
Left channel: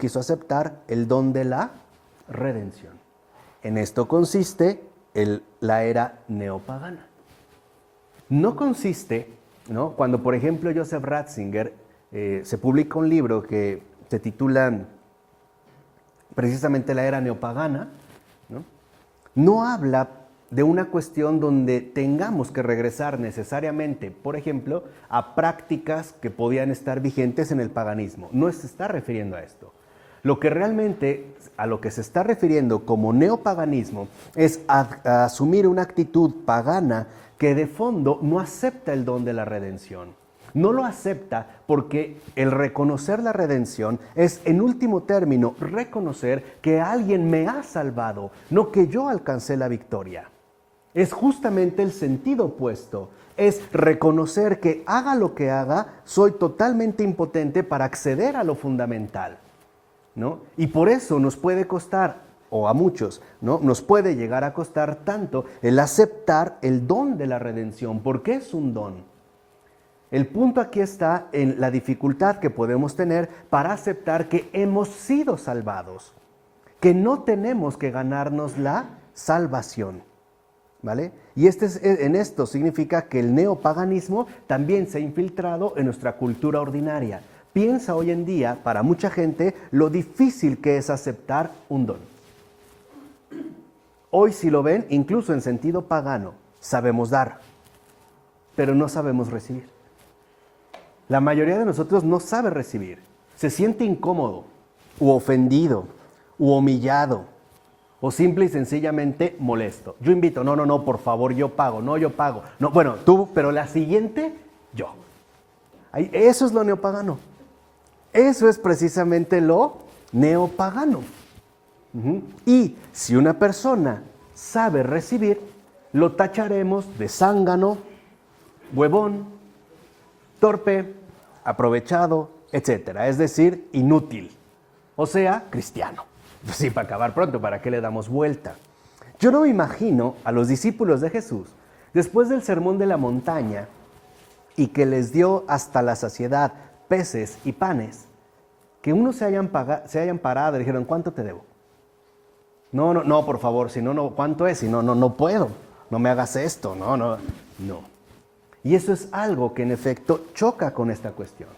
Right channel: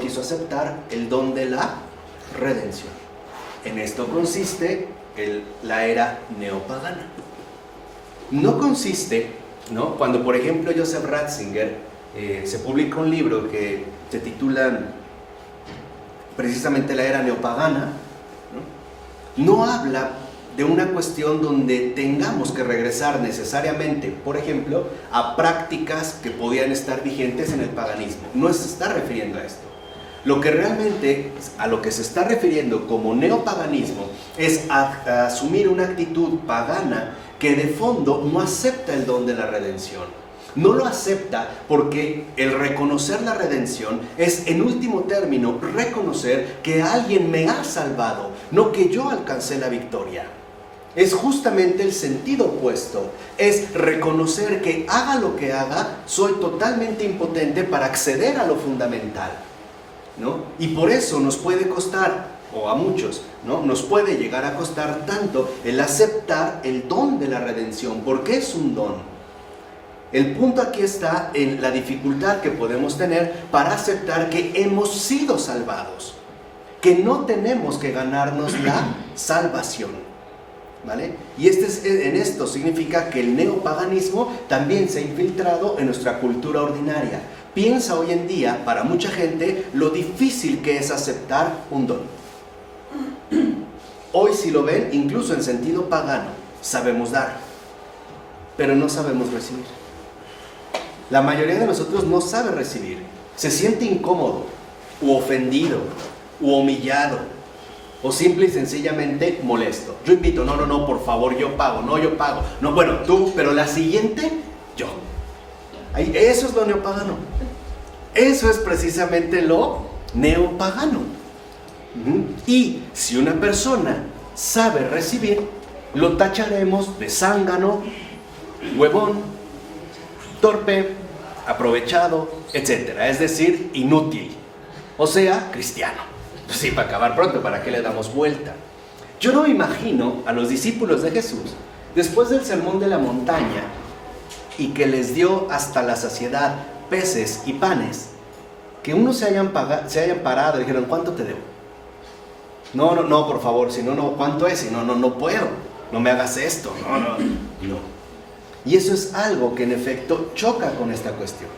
quiso aceptar el don de la redención. En esto consiste la era neopagana. No consiste, ¿no? Cuando, por ejemplo, Joseph Ratzinger se publica un libro que se titula precisamente La era neopagana, no habla de una cuestión donde tengamos que regresar necesariamente, por ejemplo, a prácticas que podían estar vigentes en el paganismo. No se está refiriendo a esto. Lo que realmente, a lo que se está refiriendo como neopaganismo, es a asumir una actitud pagana que de fondo no acepta el don de la redención. No lo acepta porque el reconocer la redención es, en último término, reconocer que alguien me ha salvado, no que yo alcancé la victoria. Es justamente el sentido opuesto. Es reconocer que haga lo que haga, soy totalmente impotente para acceder a lo fundamental, ¿no? Y por eso nos puede costar, o a muchos, ¿no? Nos puede llegar a costar tanto el aceptar el don de la redención, porque es un don. El punto aquí está en la dificultad que podemos tener para aceptar que hemos sido salvados, que no tenemos que ganarnos la salvación, ¿vale? Y en esto significa que el neopaganismo también se ha infiltrado en nuestra cultura ordinaria. Piensa hoy en día, para mucha gente, lo difícil que es aceptar un don. Hoy, si lo ven, incluso en sentido pagano, sabemos dar, pero no sabemos recibir. La mayoría de nosotros no sabe recibir, se siente incómodo, u ofendido, u humillado, o simple y sencillamente molesto. Yo invito, no, por favor, yo pago, no, bueno, tú, pero la siguiente, yo. Eso es lo neopagano. Eso es precisamente lo neopagano. Y si una persona sabe recibir, lo tacharemos de zángano, huevón, torpe, aprovechado, etc. Es decir, inútil. O sea, cristiano. Pues sí, para acabar pronto, ¿para qué le damos vuelta? Yo no me imagino a los discípulos de Jesús, después del sermón de la montaña, y que les dio hasta la saciedad peces y panes, que unos se hayan parado y dijeron, ¿cuánto te debo? No, por favor, si no, ¿cuánto es? Si no puedo, no me hagas esto, no. Y eso es algo que en efecto choca con esta cuestión.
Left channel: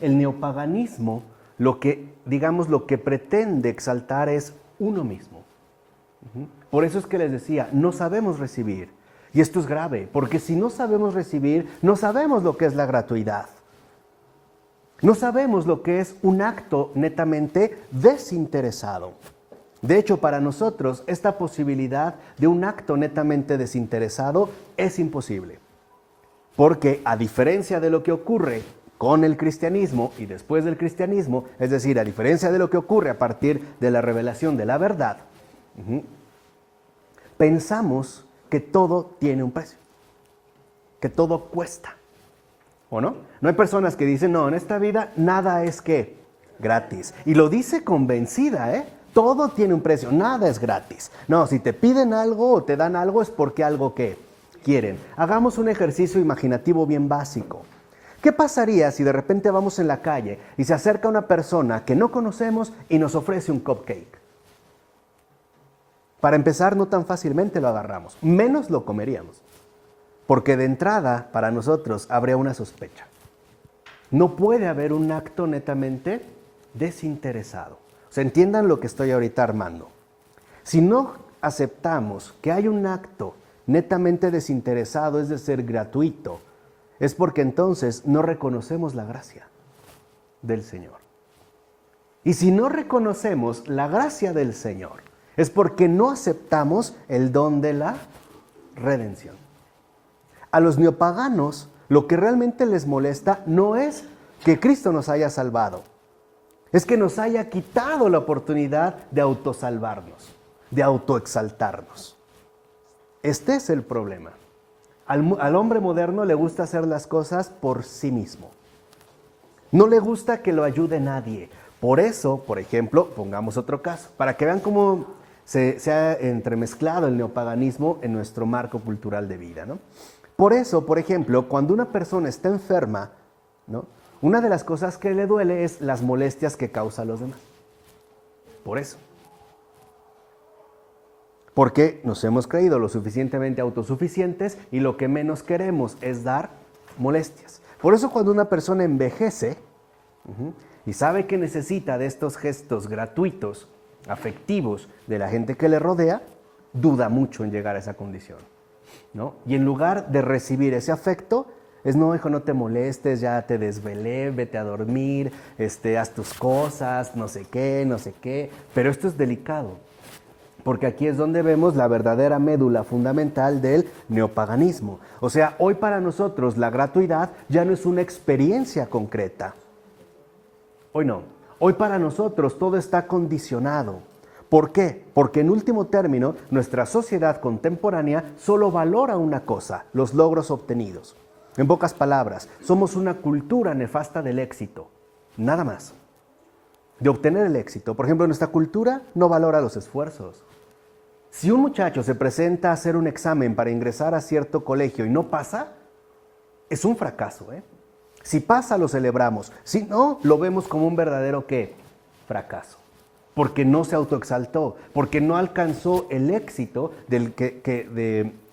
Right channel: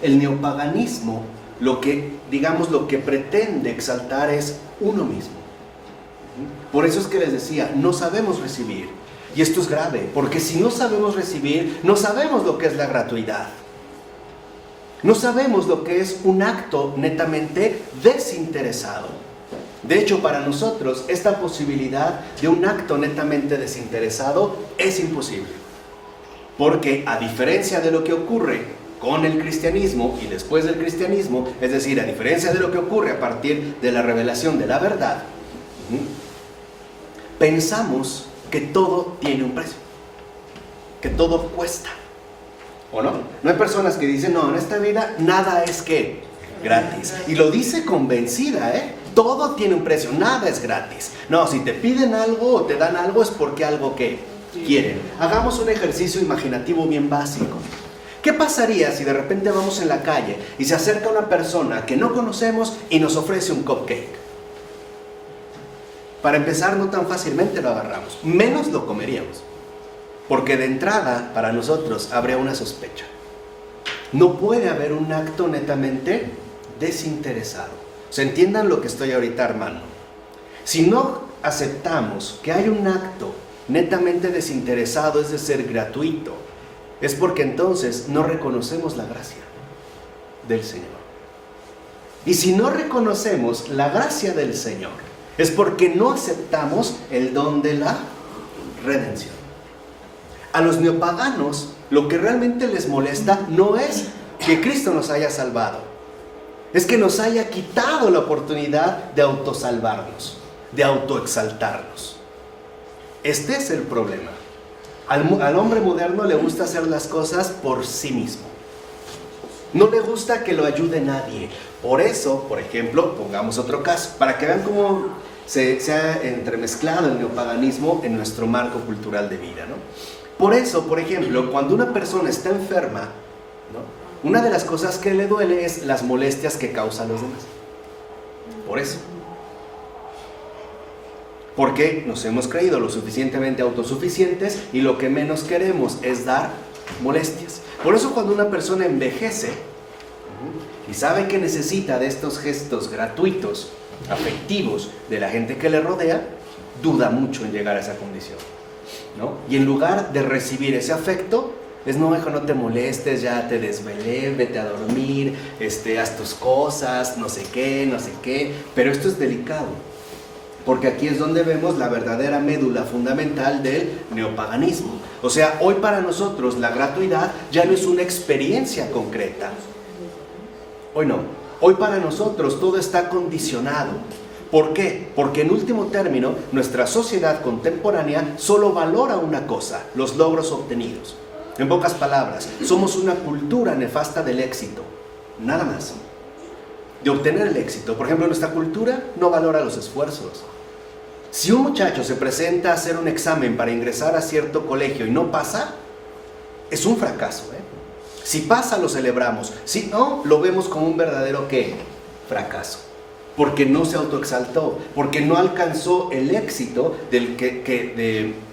El neopaganismo, lo que pretende exaltar es uno mismo. Por eso es que les decía, no sabemos recibir. Y esto es grave, porque si no sabemos recibir, no sabemos lo que es la gratuidad. No sabemos lo que es un acto netamente desinteresado. De hecho, para nosotros, esta posibilidad de un acto netamente desinteresado es imposible. Porque, a diferencia de lo que ocurre con el cristianismo y después del cristianismo, es decir, a diferencia de lo que ocurre a partir de la revelación de la verdad, pensamos que todo tiene un precio, que todo cuesta. ¿O no? No hay personas que dicen, no, en esta vida nada es que gratis. Y lo dice convencida, todo tiene un precio, nada es gratis. No, si te piden algo o te dan algo es porque algo que quieren. Hagamos un ejercicio imaginativo bien básico. ¿Qué pasaría si de repente vamos en la calle y se acerca una persona que no conocemos y nos ofrece un cupcake? Para empezar, no tan fácilmente lo agarramos, menos lo comeríamos. Porque de entrada, para nosotros, habría una sospecha. No puede haber un acto netamente desinteresado. O sea, entiendan lo que estoy ahorita armando. Si no aceptamos que hay un acto netamente desinteresado, es decir, gratuito, es porque entonces no reconocemos la gracia del Señor. Y si no reconocemos la gracia del Señor, es porque no aceptamos el don de la redención. A los neopaganos, lo que realmente les molesta no es que Cristo nos haya salvado, es que nos haya quitado la oportunidad de autosalvarnos, de autoexaltarnos. Este es el problema. Al hombre moderno le gusta hacer las cosas por sí mismo. No le gusta que lo ayude nadie. Por eso, por ejemplo, pongamos otro caso, para que vean cómo se ha entremezclado el neopaganismo en nuestro marco cultural de vida, ¿no? Por eso, por ejemplo, cuando una persona está enferma, ¿no?, una de las cosas que le duele es las molestias que causan los demás. Por eso. Porque nos hemos creído lo suficientemente autosuficientes y lo que menos queremos es dar molestias. Por eso cuando una persona envejece y sabe que necesita de estos gestos gratuitos, afectivos de la gente que le rodea, duda mucho en llegar a esa condición, ¿no? Y en lugar de recibir ese afecto, es no, hijo, no te molestes, ya te desvelé, vete a dormir, haz tus cosas, no sé qué. Pero esto es delicado, porque aquí es donde vemos la verdadera médula fundamental del neopaganismo. O sea, hoy para nosotros la gratuidad ya no es una experiencia concreta. Hoy no. Hoy para nosotros todo está condicionado. ¿Por qué? Porque en último término, nuestra sociedad contemporánea solo valora una cosa: los logros obtenidos. En pocas palabras, somos una cultura nefasta del éxito. Nada más. De obtener el éxito. Por ejemplo, nuestra cultura no valora los esfuerzos. Si un muchacho se presenta a hacer un examen para ingresar a cierto colegio y no pasa, es un fracaso, ¿eh? Si pasa, lo celebramos. Si no, lo vemos como un verdadero ¿qué? Fracaso. Porque no se autoexaltó, porque no alcanzó el éxito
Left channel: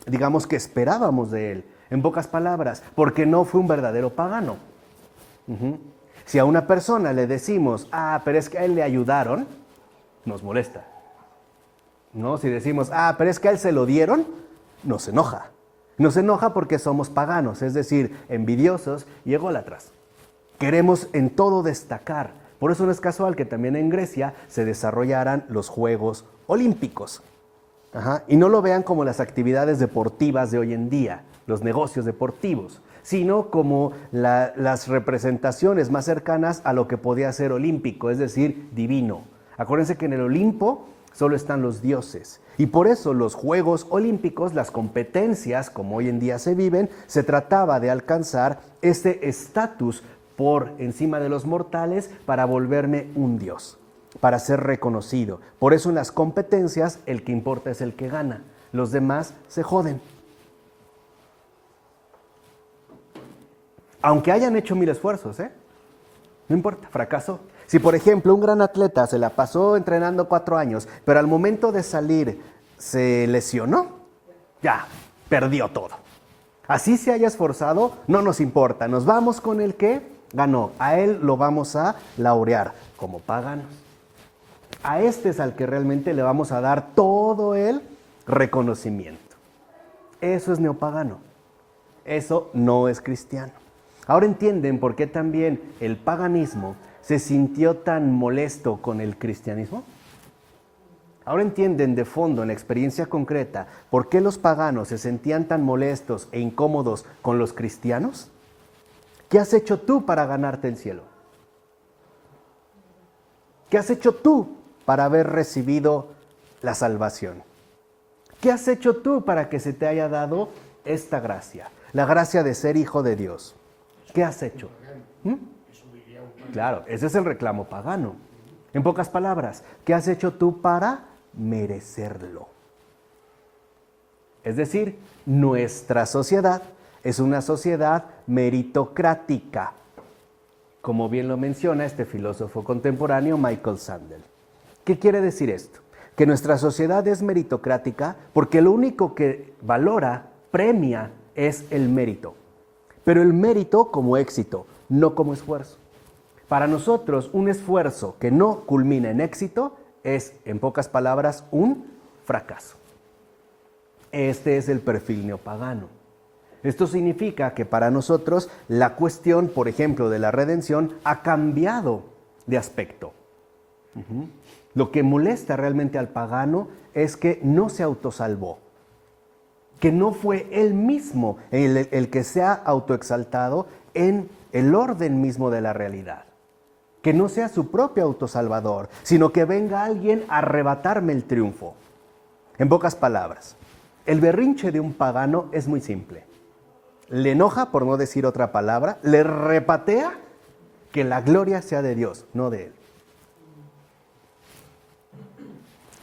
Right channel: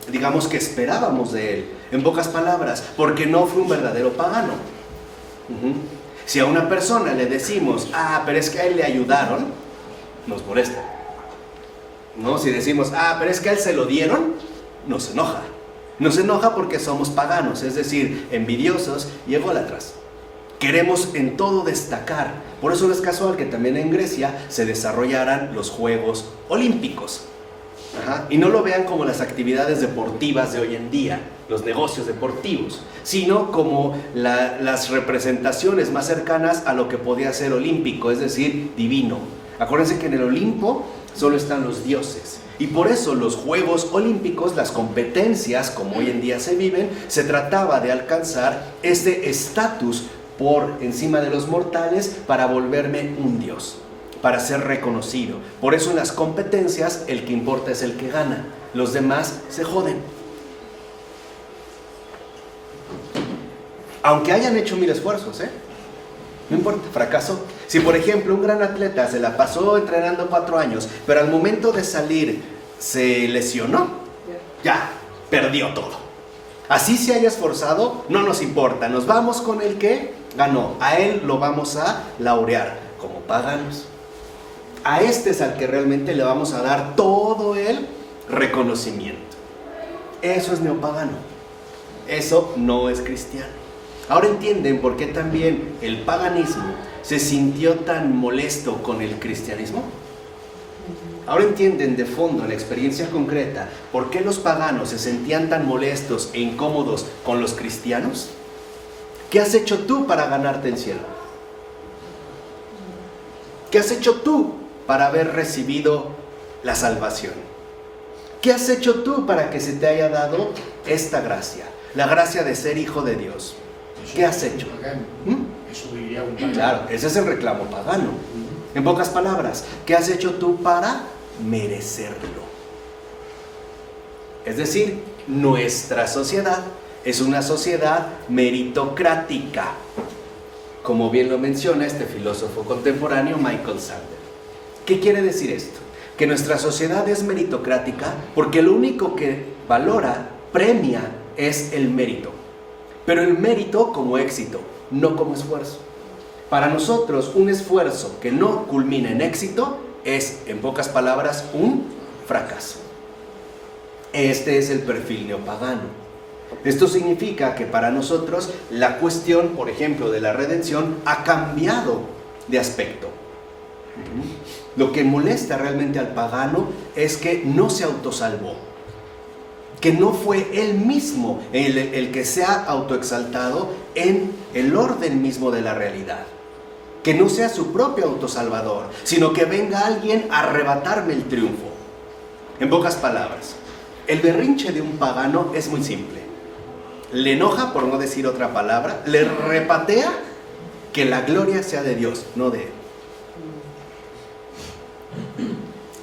digamos que esperábamos de él. En pocas palabras, porque no fue un verdadero pagano. Si a una persona le decimos, pero es que a él le ayudaron, nos molesta. ¿No? Si decimos, pero es que a él se lo dieron, nos enoja. Nos enoja porque somos paganos, es decir, envidiosos y ególatras. Queremos en todo destacar. Por eso no es casual que también en Grecia se desarrollaran los Juegos Olímpicos. Y no lo vean como las actividades deportivas de hoy en día, los negocios deportivos, sino como las representaciones más cercanas a lo que podía ser olímpico, es decir, divino. Acuérdense que en el Olimpo solo están los dioses. Y por eso los Juegos Olímpicos, las competencias como hoy en día se viven, se trataba de alcanzar este estatus por encima de los mortales para volverme un dios, para ser reconocido. Por eso en las competencias el que importa es el que gana, los demás se joden. Aunque hayan hecho 1000 esfuerzos, no importa, fracasó. Si por ejemplo un gran atleta se la pasó entrenando 4 años, pero al momento de salir se lesionó, ya, perdió todo. Así se haya esforzado, no nos importa, nos vamos con el que ganó. A él lo vamos a laurear como paganos. A este es al que realmente le vamos a dar todo el reconocimiento. Eso es neopagano. Eso no es cristiano. Ahora entienden por qué también el paganismo se sintió tan molesto con el cristianismo. Ahora entienden de fondo, en la experiencia concreta, por qué los paganos se sentían tan molestos e incómodos con los cristianos. ¿Qué has hecho tú para ganarte el cielo? ¿Qué has hecho tú para haber recibido la salvación? ¿Qué has hecho tú para que se te haya dado esta gracia? La gracia de ser hijo de Dios. ¿Qué has hecho? Eso diría un pagano. Claro, ese es el reclamo pagano. En pocas palabras, ¿qué has hecho tú para merecerlo? Es decir, nuestra sociedad Es una sociedad meritocrática, como bien lo menciona este filósofo contemporáneo Michael Sandel. ¿Qué quiere decir esto? Que nuestra sociedad es meritocrática porque lo único que valora, premia, es el mérito. Pero el mérito como éxito, no como esfuerzo. Para nosotros, un esfuerzo que no culmina en éxito es, en pocas palabras, un fracaso. Este es el perfil neopagano. Esto significa que para nosotros la cuestión, por ejemplo, de la redención ha cambiado de aspecto. Lo que molesta realmente al pagano es que no se autosalvó, que no fue él mismo el que se ha autoexaltado en el orden mismo de la realidad, que no sea su propio autosalvador, sino que venga alguien a arrebatarme el triunfo. En pocas palabras, el berrinche de un pagano es muy simple. Le enoja, por no decir otra palabra, le repatea que la gloria sea de Dios, no de él.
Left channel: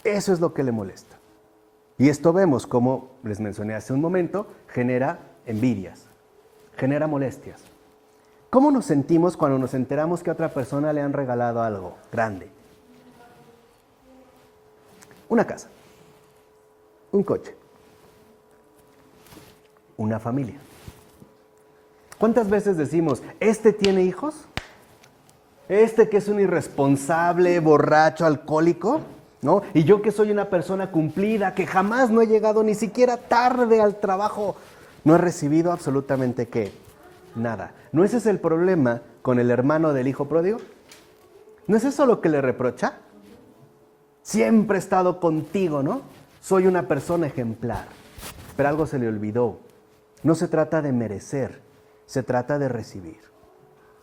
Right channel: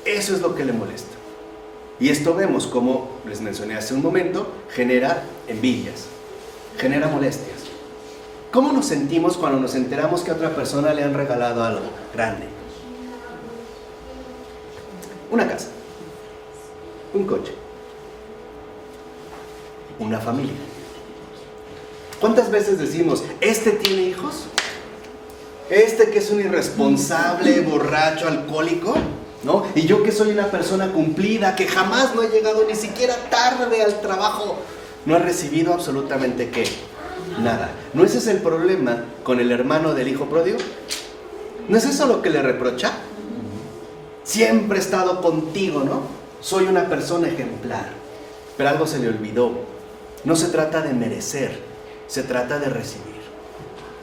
Eso es lo que le molesta. Y esto vemos, como les mencioné hace un momento, genera envidias, genera molestias. ¿Cómo nos sentimos cuando nos enteramos que a otra persona le han regalado algo grande? Una casa, un coche, una familia. ¿Cuántas veces decimos, este tiene hijos? Este que es un irresponsable, borracho, alcohólico, ¿no? Y yo que soy una persona cumplida, que jamás no he llegado ni siquiera tarde al trabajo, no he recibido absolutamente ¿qué? Nada. ¿No ese es el problema con el hermano del hijo pródigo? ¿No es eso lo que le reprocha? Siempre he estado contigo, ¿no? Soy una persona ejemplar. Pero algo se le olvidó. No se trata de merecer, se trata de recibir.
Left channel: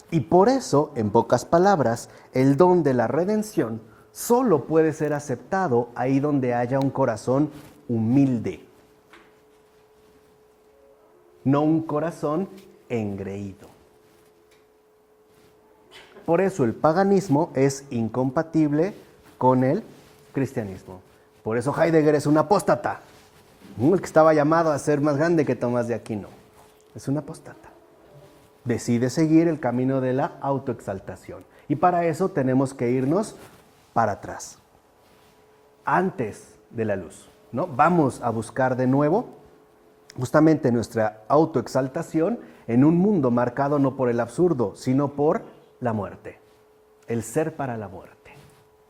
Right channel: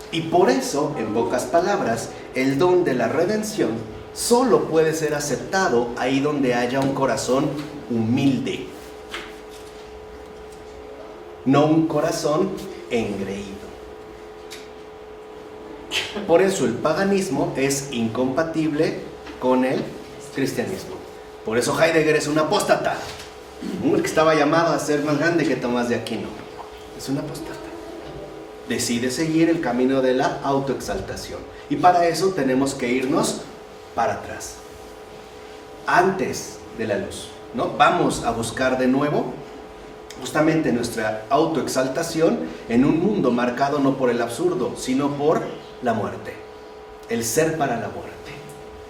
Y por eso, en pocas palabras, el don de la redención solo puede ser aceptado ahí donde haya un corazón humilde, no un corazón engreído. Por eso el paganismo es incompatible con el cristianismo. Por eso Heidegger es un apóstata, el que estaba llamado a ser más grande que Tomás de Aquino. Es un apóstata. Decide seguir el camino de la autoexaltación. Y para eso tenemos que irnos para atrás, antes de la luz, ¿no? Vamos a buscar de nuevo justamente nuestra autoexaltación en un mundo marcado no por el absurdo, sino por la muerte, el ser para la muerte.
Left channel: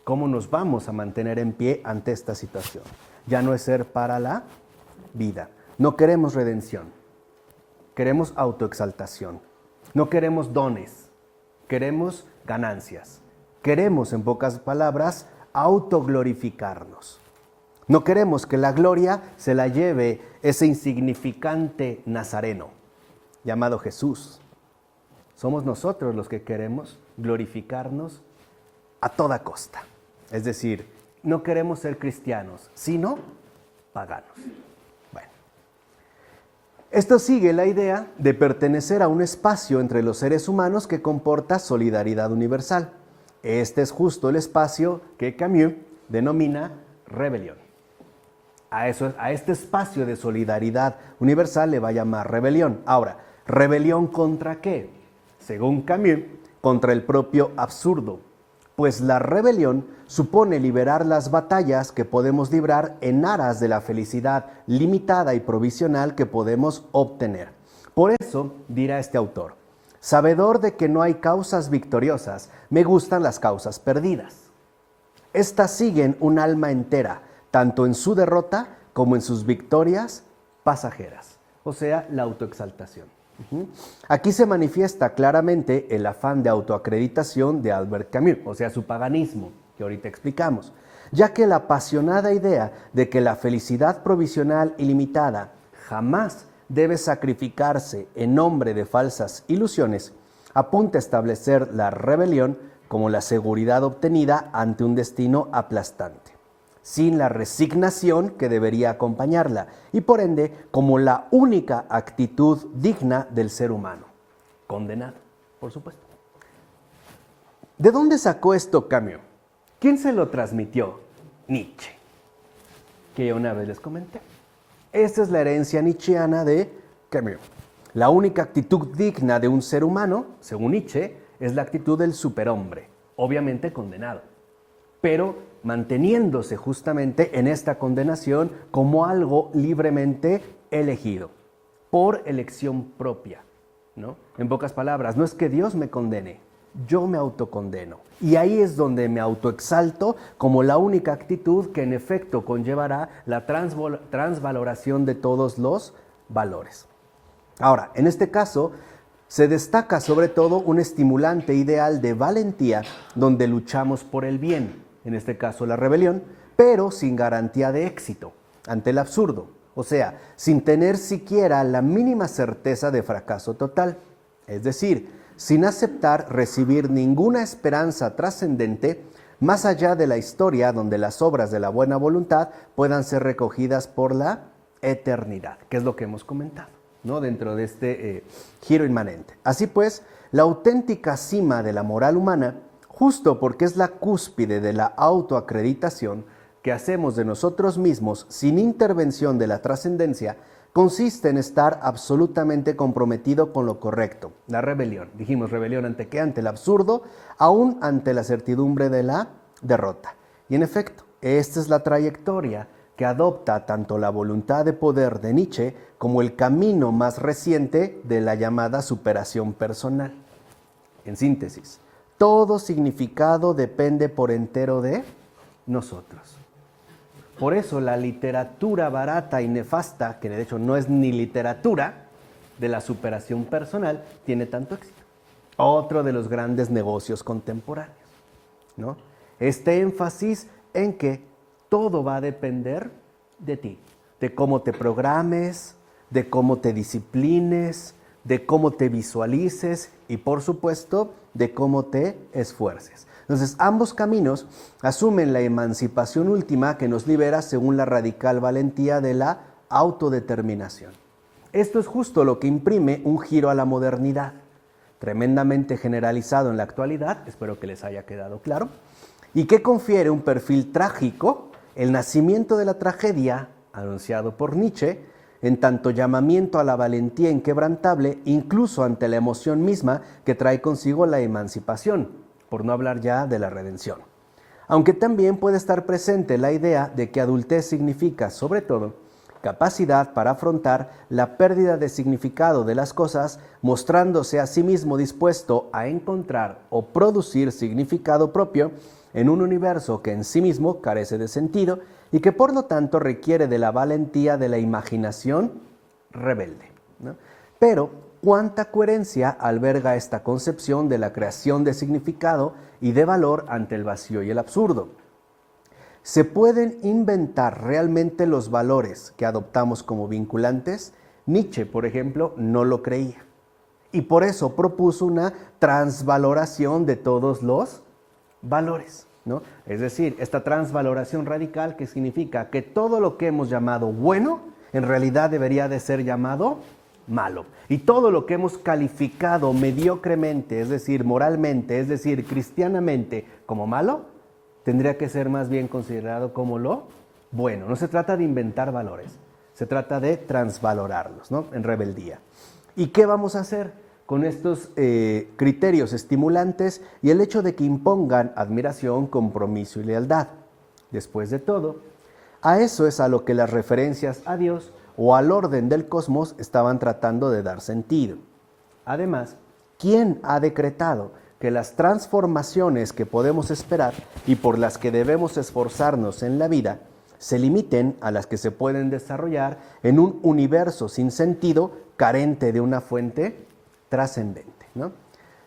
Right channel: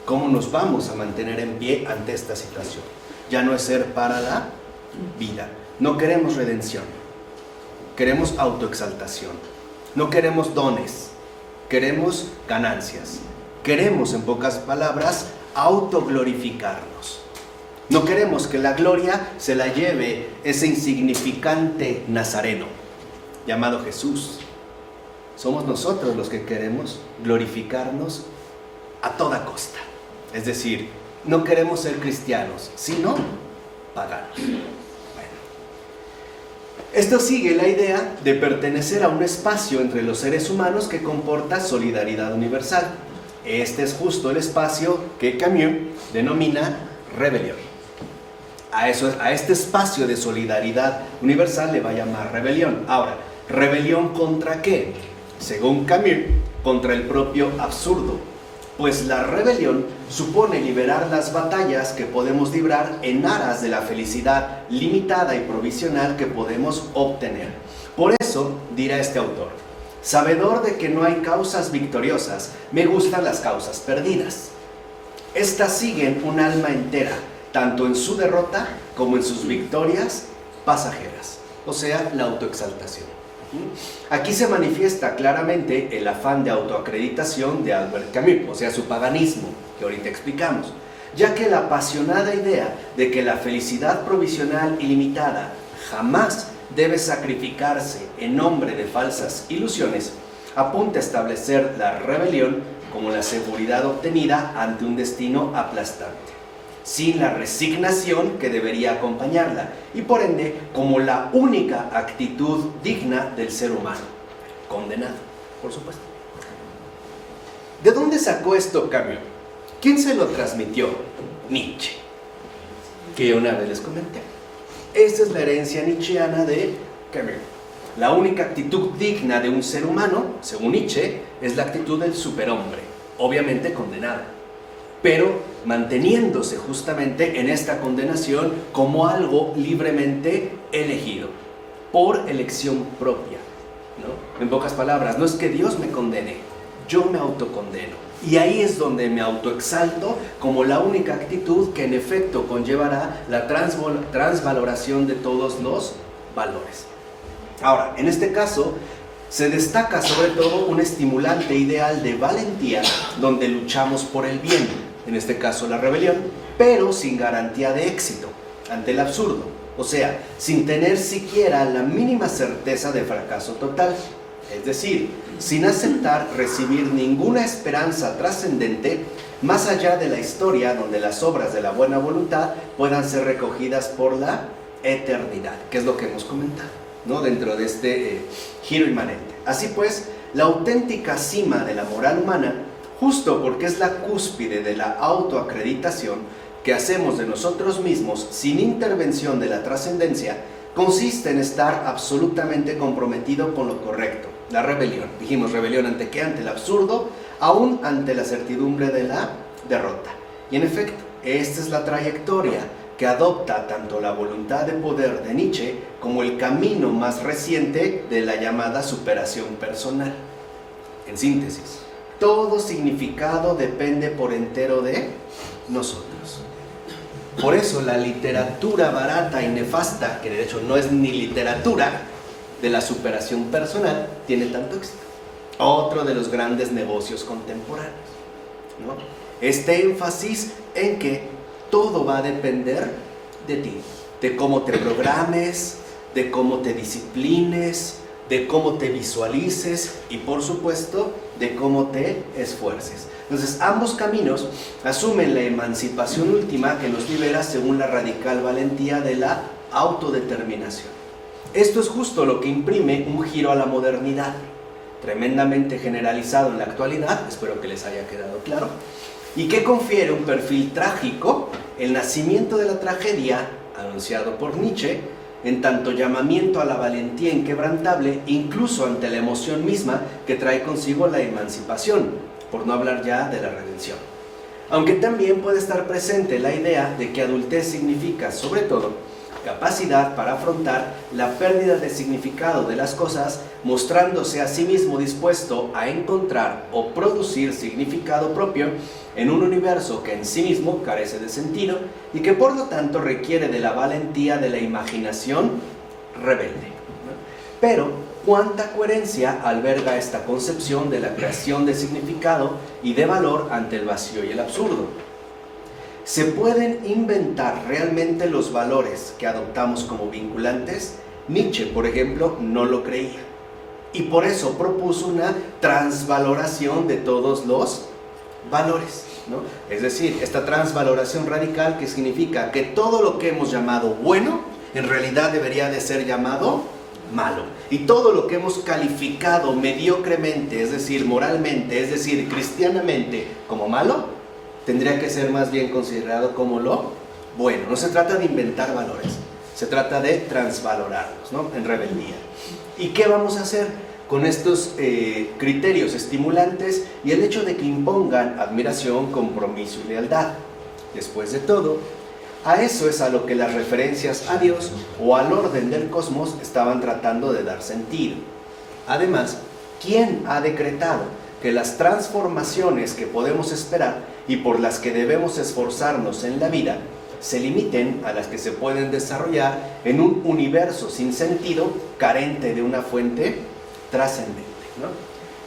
¿Cómo nos vamos a mantener en pie ante esta situación? Ya no es ser para la vida. No queremos redención, queremos autoexaltación. No queremos dones, queremos ganancias. Queremos, en pocas palabras, autoglorificarnos. No queremos que la gloria se la lleve ese insignificante nazareno llamado Jesús. Somos nosotros los que queremos glorificarnos a toda costa. Es decir, no queremos ser cristianos, sino paganos. Esto sigue la idea de pertenecer a un espacio entre los seres humanos que comporta solidaridad universal. Este es justo el espacio que Camus denomina rebelión. A este espacio de solidaridad universal le va a llamar rebelión. Ahora, ¿rebelión contra qué? Según Camus, contra el propio absurdo. Pues la rebelión supone liberar las batallas que podemos librar en aras de la felicidad limitada y provisional que podemos obtener. Por eso, dirá este autor, sabedor de que no hay causas victoriosas, me gustan las causas perdidas. Estas siguen un alma entera, tanto en su derrota como en sus victorias pasajeras, o sea, la autoexaltación. Aquí se manifiesta claramente el afán de autoacreditación de Albert Camus, o sea, su paganismo, que ahorita explicamos, ya que la apasionada idea de que la felicidad provisional y limitada jamás debe sacrificarse en nombre de falsas ilusiones, apunta a establecer la rebelión como la seguridad obtenida ante un destino aplastante, sin la resignación que debería acompañarla, y por ende como la única actitud digna del ser humano, condenado, por supuesto. ¿De dónde sacó esto Camus? ¿Quién se lo transmitió? Nietzsche, que una vez les comenté. Esta es la herencia nietzscheana de Camus. La única actitud digna de un ser humano, según Nietzsche, es la actitud del superhombre, obviamente condenada, pero manteniéndose justamente en esta condenación como algo libremente elegido, por elección propia, ¿no? En pocas palabras, no es que Dios me condene, yo me autocondeno. Y ahí es donde me autoexalto como la única actitud que en efecto conllevará la transvaloración de todos los valores. Ahora, en este caso, se destaca sobre todo un estimulante ideal de valentía donde luchamos por el bien, en este caso la rebelión, pero sin garantía de éxito, ante el absurdo, o sea, sin tener siquiera la mínima certeza de fracaso total, es decir, sin aceptar recibir ninguna esperanza trascendente más allá de la historia donde las obras de la buena voluntad puedan ser recogidas por la eternidad, que es lo que hemos comentado, ¿no? Dentro de este giro inmanente. Así pues, la auténtica cima de la moral humana, justo porque es la cúspide de la autoacreditación que hacemos de nosotros mismos sin intervención de la trascendencia, consiste en estar absolutamente comprometido con lo correcto, la rebelión. Dijimos rebelión ante qué, ante el absurdo, aún ante la certidumbre de la derrota. Y en efecto, esta es la trayectoria que adopta tanto la voluntad de poder de Nietzsche como el camino más reciente de la llamada superación personal. En síntesis, todo significado depende por entero de nosotros. Por eso la literatura barata y nefasta, que de hecho no es ni literatura, de la superación personal, tiene tanto éxito. Otro de los grandes negocios contemporáneos, ¿no? Este énfasis en que todo va a depender de ti, de cómo te programes, de cómo te disciplines, de cómo te visualices y por supuesto de cómo te esfuerces. Entonces ambos caminos asumen la emancipación última que los libera según la radical valentía de la autodeterminación. Esto es justo lo que imprime un giro a la modernidad, tremendamente generalizado en la actualidad, espero que les haya quedado claro, y que confiere un perfil trágico, el nacimiento de la tragedia, anunciado por Nietzsche, en tanto llamamiento a la valentía inquebrantable, incluso ante la emoción misma que trae consigo la emancipación, por no hablar ya de la redención. Aunque también puede estar presente la idea de que adultez significa, sobre todo, capacidad para afrontar la pérdida de significado de las cosas, mostrándose a sí mismo dispuesto a encontrar o producir significado propio en un universo que en sí mismo carece de sentido y que por lo tanto requiere de la valentía de la imaginación rebelde, ¿no? Pero, ¿cuánta coherencia alberga esta concepción de la creación de significado y de valor ante el vacío y el absurdo? ¿Se pueden inventar realmente los valores que adoptamos como vinculantes? Nietzsche, por ejemplo, no lo creía. Y por eso propuso una transvaloración de todos los valores, ¿no? Es decir, esta transvaloración radical que significa que todo lo que hemos llamado bueno, en realidad debería de ser llamado malo. Y todo lo que hemos calificado mediocremente, es decir, moralmente, es decir, cristianamente, como malo, tendría que ser más bien considerado como lo bueno. No se trata de inventar valores, se trata de transvalorarlos, ¿no? En rebeldía. ¿Y qué vamos a hacer con estos criterios estimulantes y el hecho de que impongan admiración, compromiso y lealtad? Después de todo, a eso es a lo que las referencias a Dios o al orden del cosmos estaban tratando de dar sentido. Además, ¿quién ha decretado que las transformaciones que podemos esperar y por las que debemos esforzarnos en la vida se limiten a las que se pueden desarrollar en un universo sin sentido, carente de una fuente trascendente, ¿no?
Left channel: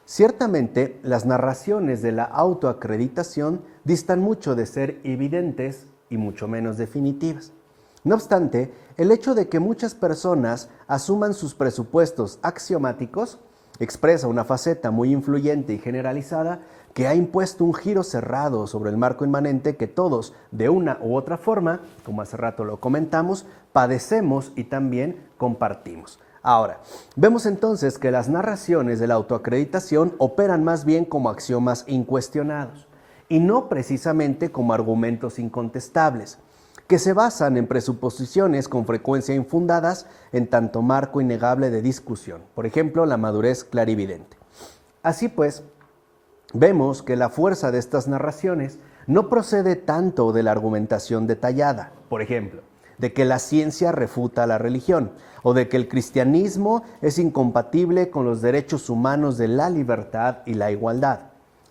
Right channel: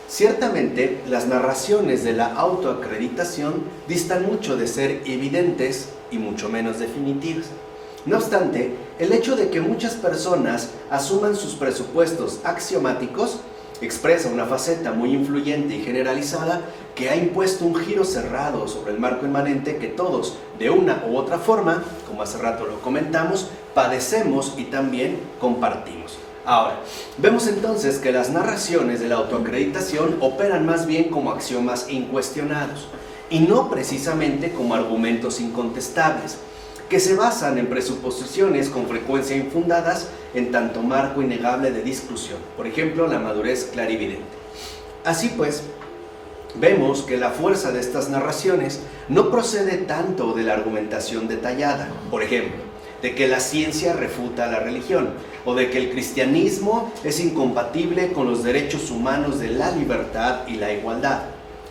Ciertamente, las narraciones de la autoacreditación distan mucho de ser evidentes y mucho menos definitivas. No obstante, el hecho de que muchas personas asuman sus presupuestos axiomáticos expresa una faceta muy influyente y generalizada que ha impuesto un giro cerrado sobre el marco inmanente que todos, de una u otra forma, como hace rato lo comentamos, padecemos y también compartimos. Ahora, vemos entonces que las narraciones de la autoacreditación operan más bien como axiomas incuestionados y no precisamente como argumentos incontestables. que se basan en presuposiciones con frecuencia infundadas en tanto marco innegable de discusión, por ejemplo, la madurez clarividente. Así pues, vemos que la fuerza de estas narraciones no procede tanto de la argumentación detallada, por ejemplo, de que la ciencia refuta a la religión, o de que el cristianismo es incompatible con los derechos humanos de la libertad y la igualdad,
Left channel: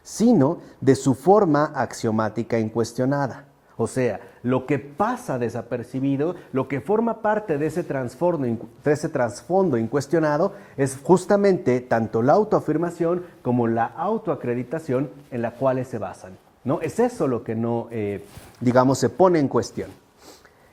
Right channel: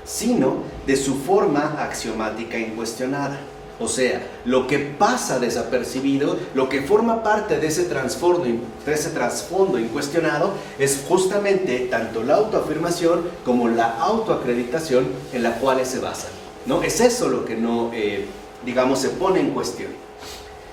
sino de su forma axiomática incuestionada. O sea, lo que pasa desapercibido, lo que forma parte de ese trasfondo incuestionado, es justamente tanto la autoafirmación como la autoacreditación en la cual se basan, ¿no? Es eso lo que no, se pone en cuestión.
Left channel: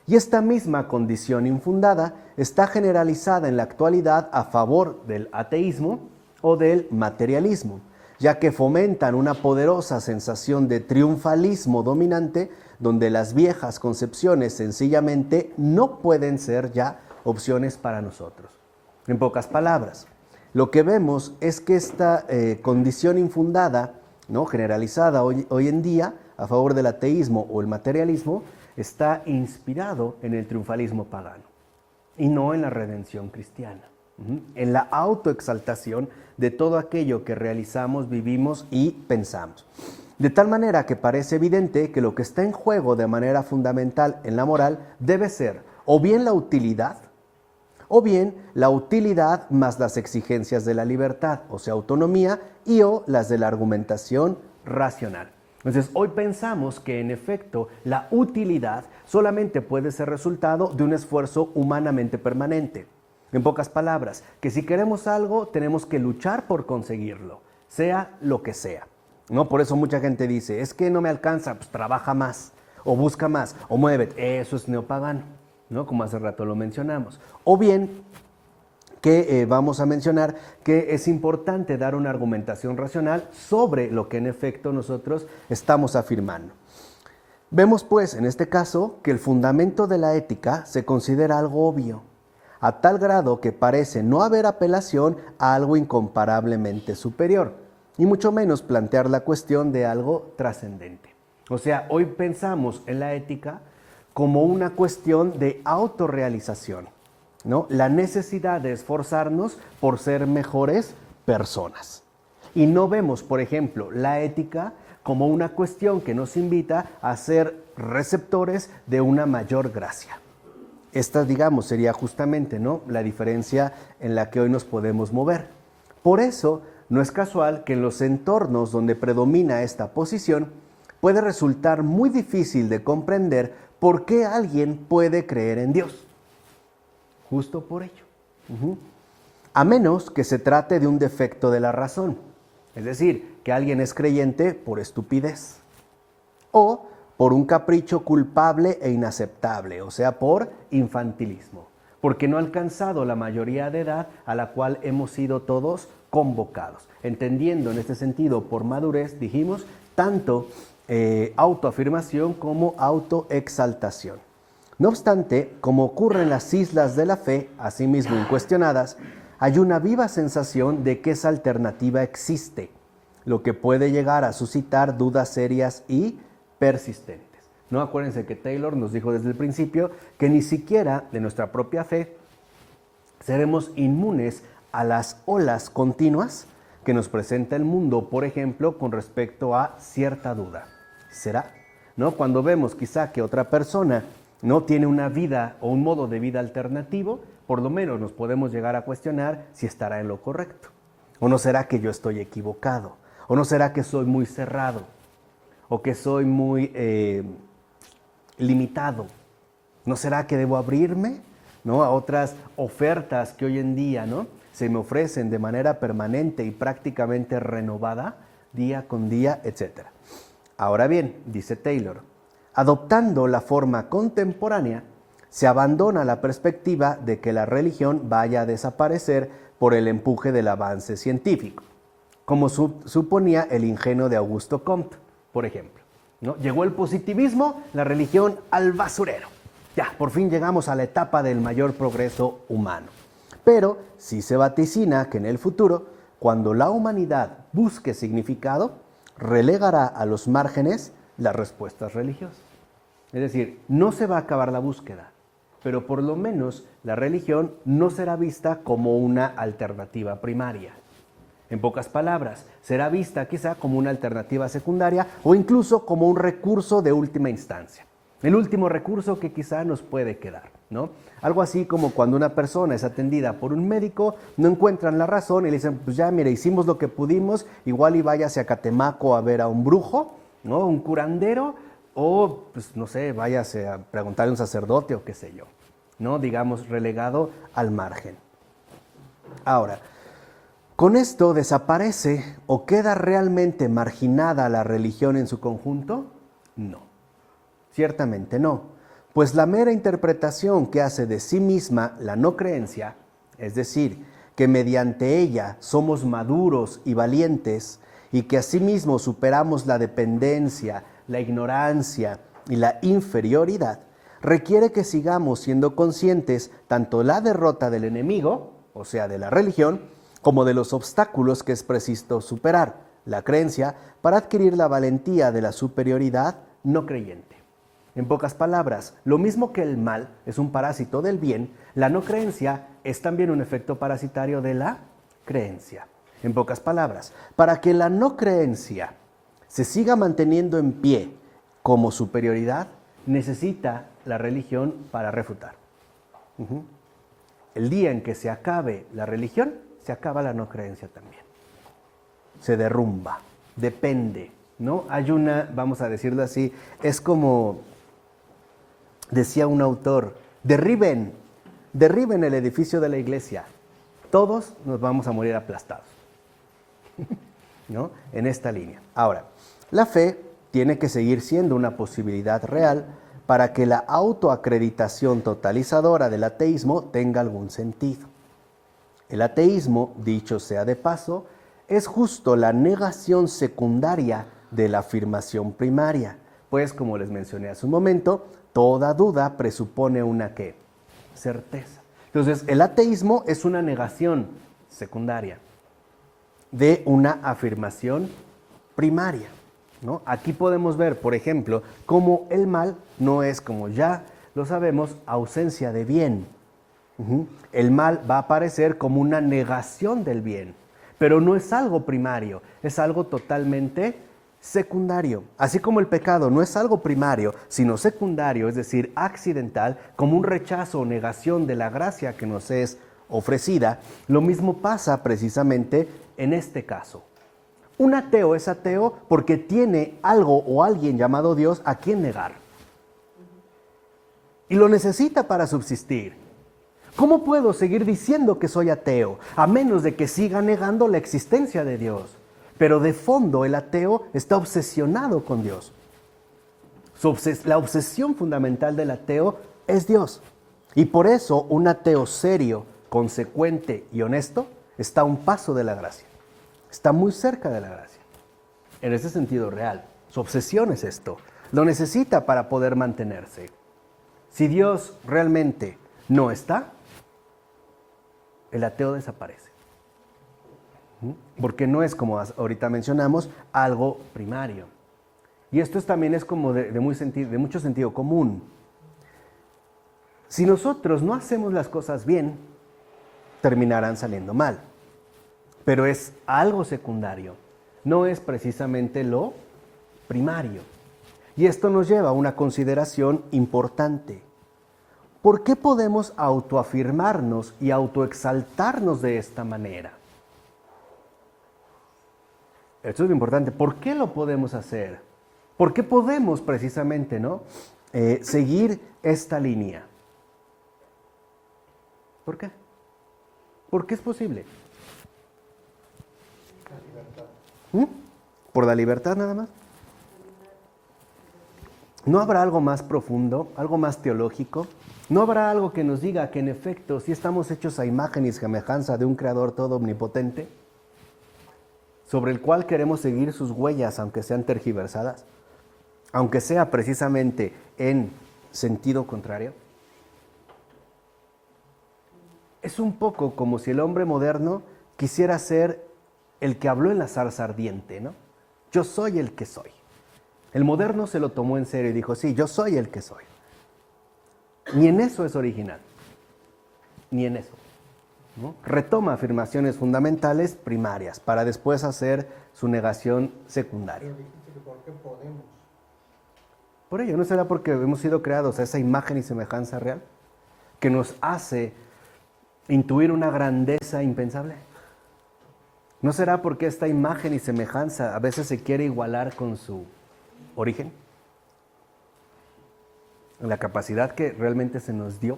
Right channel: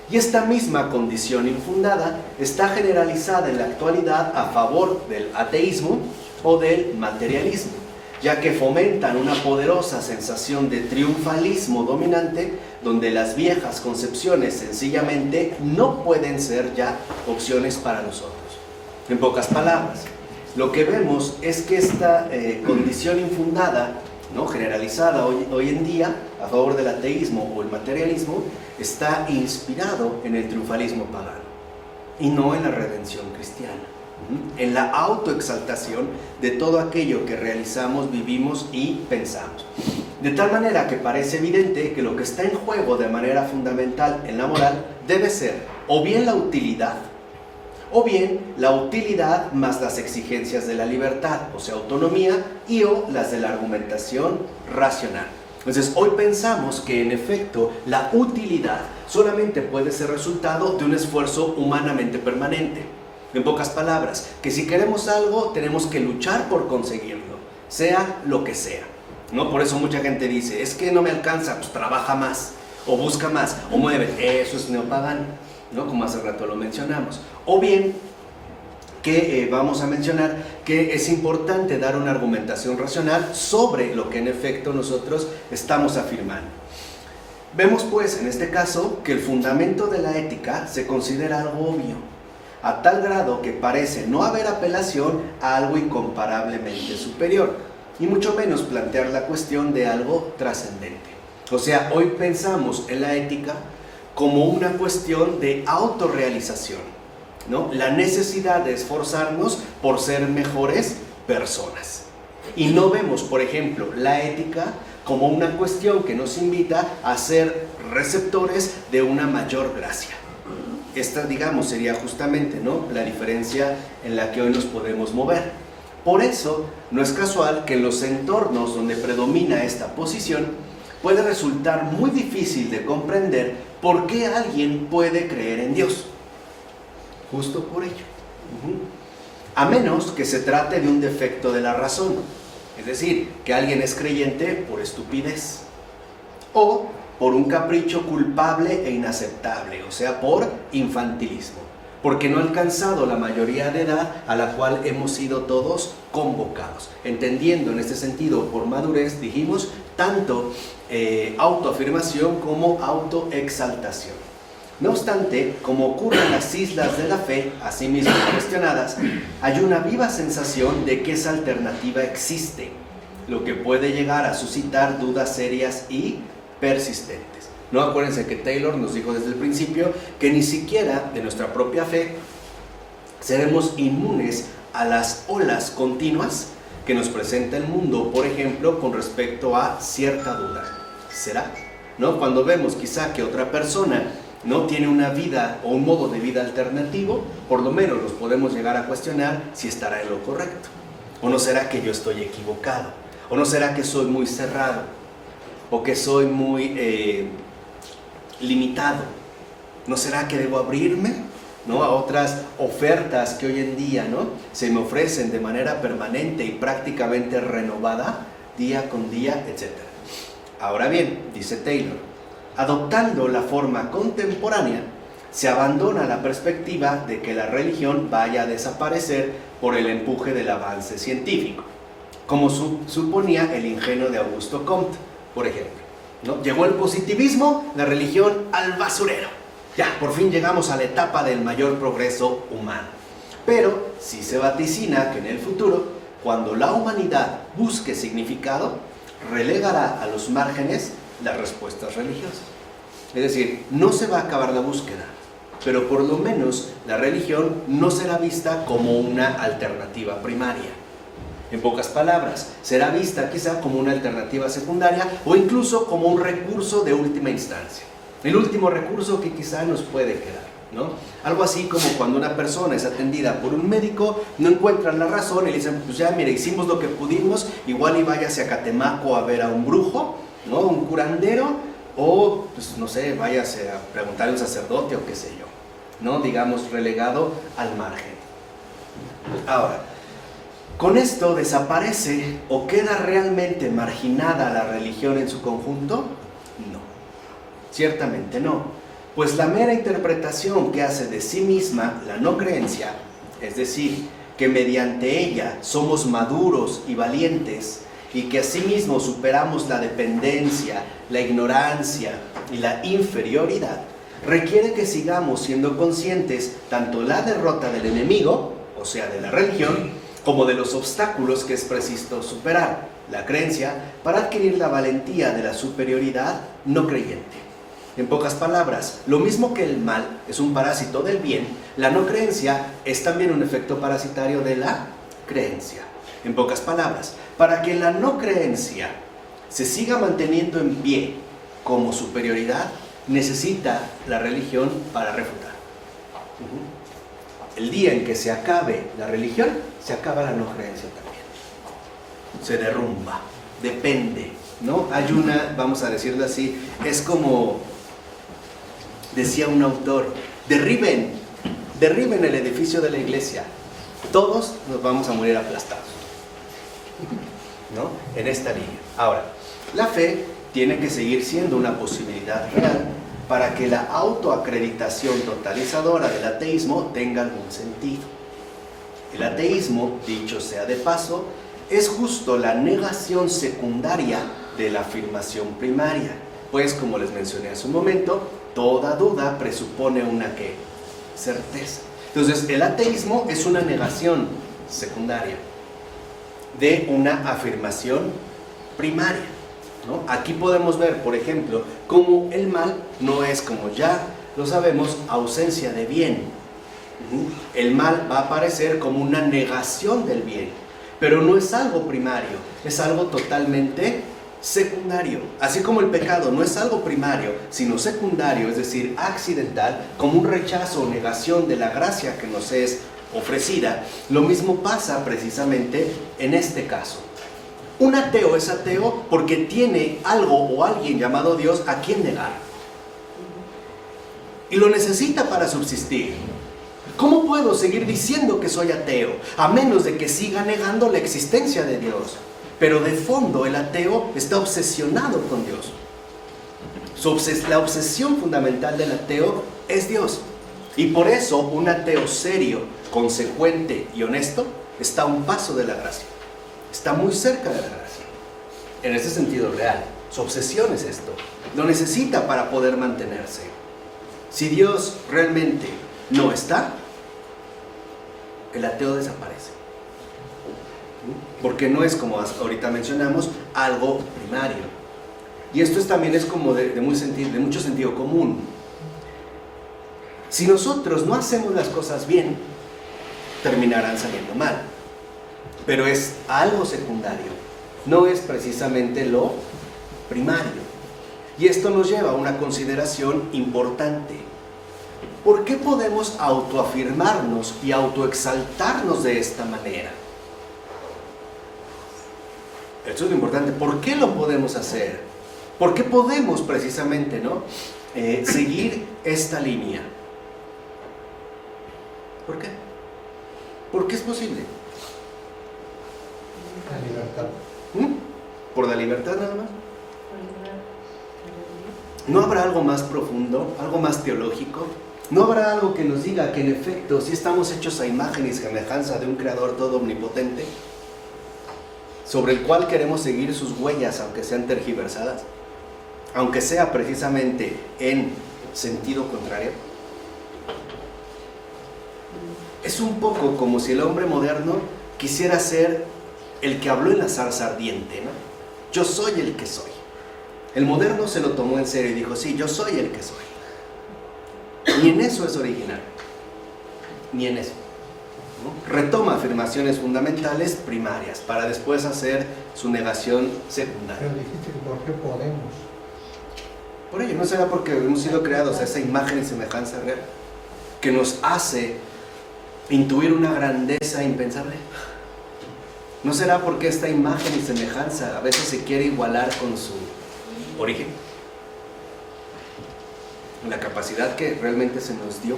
Y esta misma condición infundada está generalizada en la actualidad a favor del ateísmo o del materialismo, ya que fomentan una poderosa sensación de triunfalismo dominante, donde las viejas concepciones sencillamente no pueden ser ya opciones para nosotros. En pocas palabras, lo que vemos es que esta condición infundada, ¿no?, generalizada hoy en día a favor del ateísmo o el materialismo, está inspirado en el triunfalismo pagano y no en la redención cristiana, en la autoexaltación de todo aquello que realizamos, vivimos y pensamos. De tal manera que parece evidente que lo que está en juego de manera fundamental en la moral debe ser o bien la utilidad, o bien la utilidad más las exigencias de la libertad, o sea, autonomía, y o las de la argumentación racional. Entonces, hoy pensamos que en efecto la utilidad solamente puede ser resultado de un esfuerzo humanamente permanente. En pocas palabras, que si queremos algo tenemos que luchar por conseguirlo, sea lo que sea, ¿no? Por eso mucha gente dice, es que no me alcanza, pues trabaja más, o busca más, o mueve. Eso es neopagano, ¿no?, como hace rato lo mencionamos. O bien que vamos a mencionar que es importante dar una argumentación racional sobre lo que en efecto nosotros estamos afirmando. Vemos pues en este caso que el fundamento de la ética se considera algo obvio, a tal grado que parece no haber apelación a algo incomparablemente superior, y mucho menos plantear la cuestión de algo trascendente. O sea, hoy pensamos en la ética como una cuestión de autorrealización, ¿no? La necesidad de esforzarnos por ser mejores personas. Y no vemos, por ejemplo, la ética como una cuestión que nos invita a ser receptores de una mayor gracia. Esta, sería justamente, ¿no?, la diferencia en la que hoy nos podemos mover. Por eso, no es casual que en los entornos donde predomina esta posición puede resultar muy difícil de comprender por qué alguien puede creer en Dios. Justo por ello. A menos que se trate de un defecto de la razón, es decir, que alguien es creyente por estupidez o por un capricho culpable e inaceptable, o sea, por infantilismo, porque no ha alcanzado la mayoría de edad a la cual hemos sido todos convocados, entendiendo en este sentido por madurez, dijimos, tanto autoafirmación como autoexaltación. No obstante, como ocurre en las islas de la fe, asimismo incuestionadas, hay una viva sensación de que esa alternativa existe, lo que puede llegar a suscitar dudas serias y persistentes. No, acuérdense que Taylor nos dijo desde el principio que ni siquiera de nuestra propia fe seremos inmunes a las olas continuas que nos presenta el mundo, por ejemplo, con respecto a cierta duda. ¿Será? ¿No? Cuando vemos quizá que otra persona no tiene una vida o un modo de vida alternativo, por lo menos nos podemos llegar a cuestionar si estará en lo correcto. ¿O no será que yo estoy equivocado? ¿O no será que soy muy cerrado? ¿O que soy muy limitado? ¿No será que debo abrirme, ¿no?, a otras ofertas que hoy en día, ¿no?, se me ofrecen de manera permanente y prácticamente renovada, día con día, etc.? Ahora bien, dice Taylor, adoptando la forma contemporánea, se abandona la perspectiva de que la religión vaya a desaparecer por el empuje del avance científico, como suponía el ingenio de Augusto Comte, por ejemplo, ¿no? Llegó el positivismo, la religión al basurero. Ya, por fin llegamos a la etapa del mayor progreso humano. Pero sí se vaticina que en el futuro, cuando la humanidad busque significado, relegará a los márgenes las respuestas religiosas. Es decir, no se va a acabar la búsqueda, pero por lo menos la religión no será vista como una alternativa primaria. En pocas palabras, será vista quizá como una alternativa secundaria o incluso como un recurso de última instancia. El último recurso que quizá nos puede quedar, ¿no? Algo así como cuando una persona es atendida por un médico, no encuentran la razón y le dicen, pues ya, mire, hicimos lo que pudimos, igual y váyase a Catemaco a ver a un brujo, ¿no? Un curandero, o, pues no sé, váyase a preguntarle a un sacerdote o qué sé yo, ¿no? Digamos, relegado al margen. Ahora, ¿con esto desaparece o queda realmente marginada la religión en su conjunto? No, ciertamente no, pues la mera interpretación que hace de sí misma la no creencia, es decir, que mediante ella somos maduros y valientes y que asimismo superamos la dependencia, la ignorancia y la inferioridad, requiere que sigamos siendo conscientes tanto la derrota del enemigo, o sea, de la religión, como de los obstáculos que es preciso superar, la creencia, para adquirir la valentía de la superioridad no creyente. En pocas palabras, lo mismo que el mal es un parásito del bien, la no creencia es también un efecto parasitario de la creencia. En pocas palabras, para que la no creencia se siga manteniendo en pie como superioridad, necesita la religión para refutar. El día en que se acabe la religión, se acaba la no creencia también. Se derrumba, depende, ¿no? Hay una, vamos a decirlo así, es como decía un autor, derriben el edificio de la iglesia, todos nos vamos a morir aplastados, ¿no? En esta línea. Ahora, la fe tiene que seguir siendo una posibilidad real para que la autoacreditación totalizadora del ateísmo tenga algún sentido. El ateísmo, dicho sea de paso, es justo la negación secundaria de la afirmación primaria, pues como les mencioné hace un momento, toda duda presupone una ¿qué? Certeza. Entonces, el ateísmo es una negación secundaria de una afirmación primaria, ¿no? Aquí podemos ver, por ejemplo, cómo el mal no es, como ya lo sabemos, ausencia de bien. El mal va a aparecer como una negación del bien, pero no es algo primario, es algo totalmente secundario. Así como el pecado no es algo primario, sino secundario, es decir, accidental, como un rechazo o negación de la gracia que nos es ofrecida, lo mismo pasa precisamente en este caso. Un ateo es ateo porque tiene algo o alguien llamado Dios a quien negar. Y lo necesita para subsistir. ¿Cómo puedo seguir diciendo que soy ateo? A menos de que siga negando la existencia de Dios. Pero de fondo el ateo está obsesionado con Dios. La obsesión fundamental del ateo es Dios. Y por eso un ateo serio, consecuente y honesto está a un paso de la gracia. Está muy cerca de la gracia. En ese sentido real. Su obsesión es esto. Lo necesita para poder mantenerse. Si Dios realmente no está, el ateo desaparece. Porque no es, como ahorita mencionamos, algo primario. Y esto también es como de mucho sentido común. Si nosotros no hacemos las cosas bien, terminarán saliendo mal. Pero es algo secundario, no es precisamente lo primario. Y esto nos lleva a una consideración importante. ¿Por qué podemos autoafirmarnos y autoexaltarnos de esta manera? Esto es lo importante. ¿Por qué lo podemos hacer? ¿Por qué podemos precisamente, ¿no? Seguir esta línea? ¿Por qué? ¿Por qué es posible? La libertad. ¿Por la libertad nada más? ¿No habrá algo más profundo, algo más teológico? ¿No habrá algo que nos diga que en efecto sí estamos hechos a imagen y semejanza de un creador todo omnipotente, sobre el cual queremos seguir sus huellas aunque sean tergiversadas, aunque sea precisamente en sentido contrario? Es un poco como si el hombre moderno quisiera ser el que habló en la zarza ardiente, ¿no? Yo soy el que soy. El moderno se lo tomó en serio y dijo, sí, yo soy el que soy. Ni en eso es original. Ni en eso. ¿No? Retoma afirmaciones fundamentales primarias para después hacer su negación secundaria. Pero dijiste que por qué podemos. Por ello, ¿no será porque hemos sido creados a esa imagen y semejanza real que nos hace intuir una grandeza impensable? ¿No será porque esta imagen y semejanza a veces se quiere igualar con su origen? La capacidad que realmente se nos dio.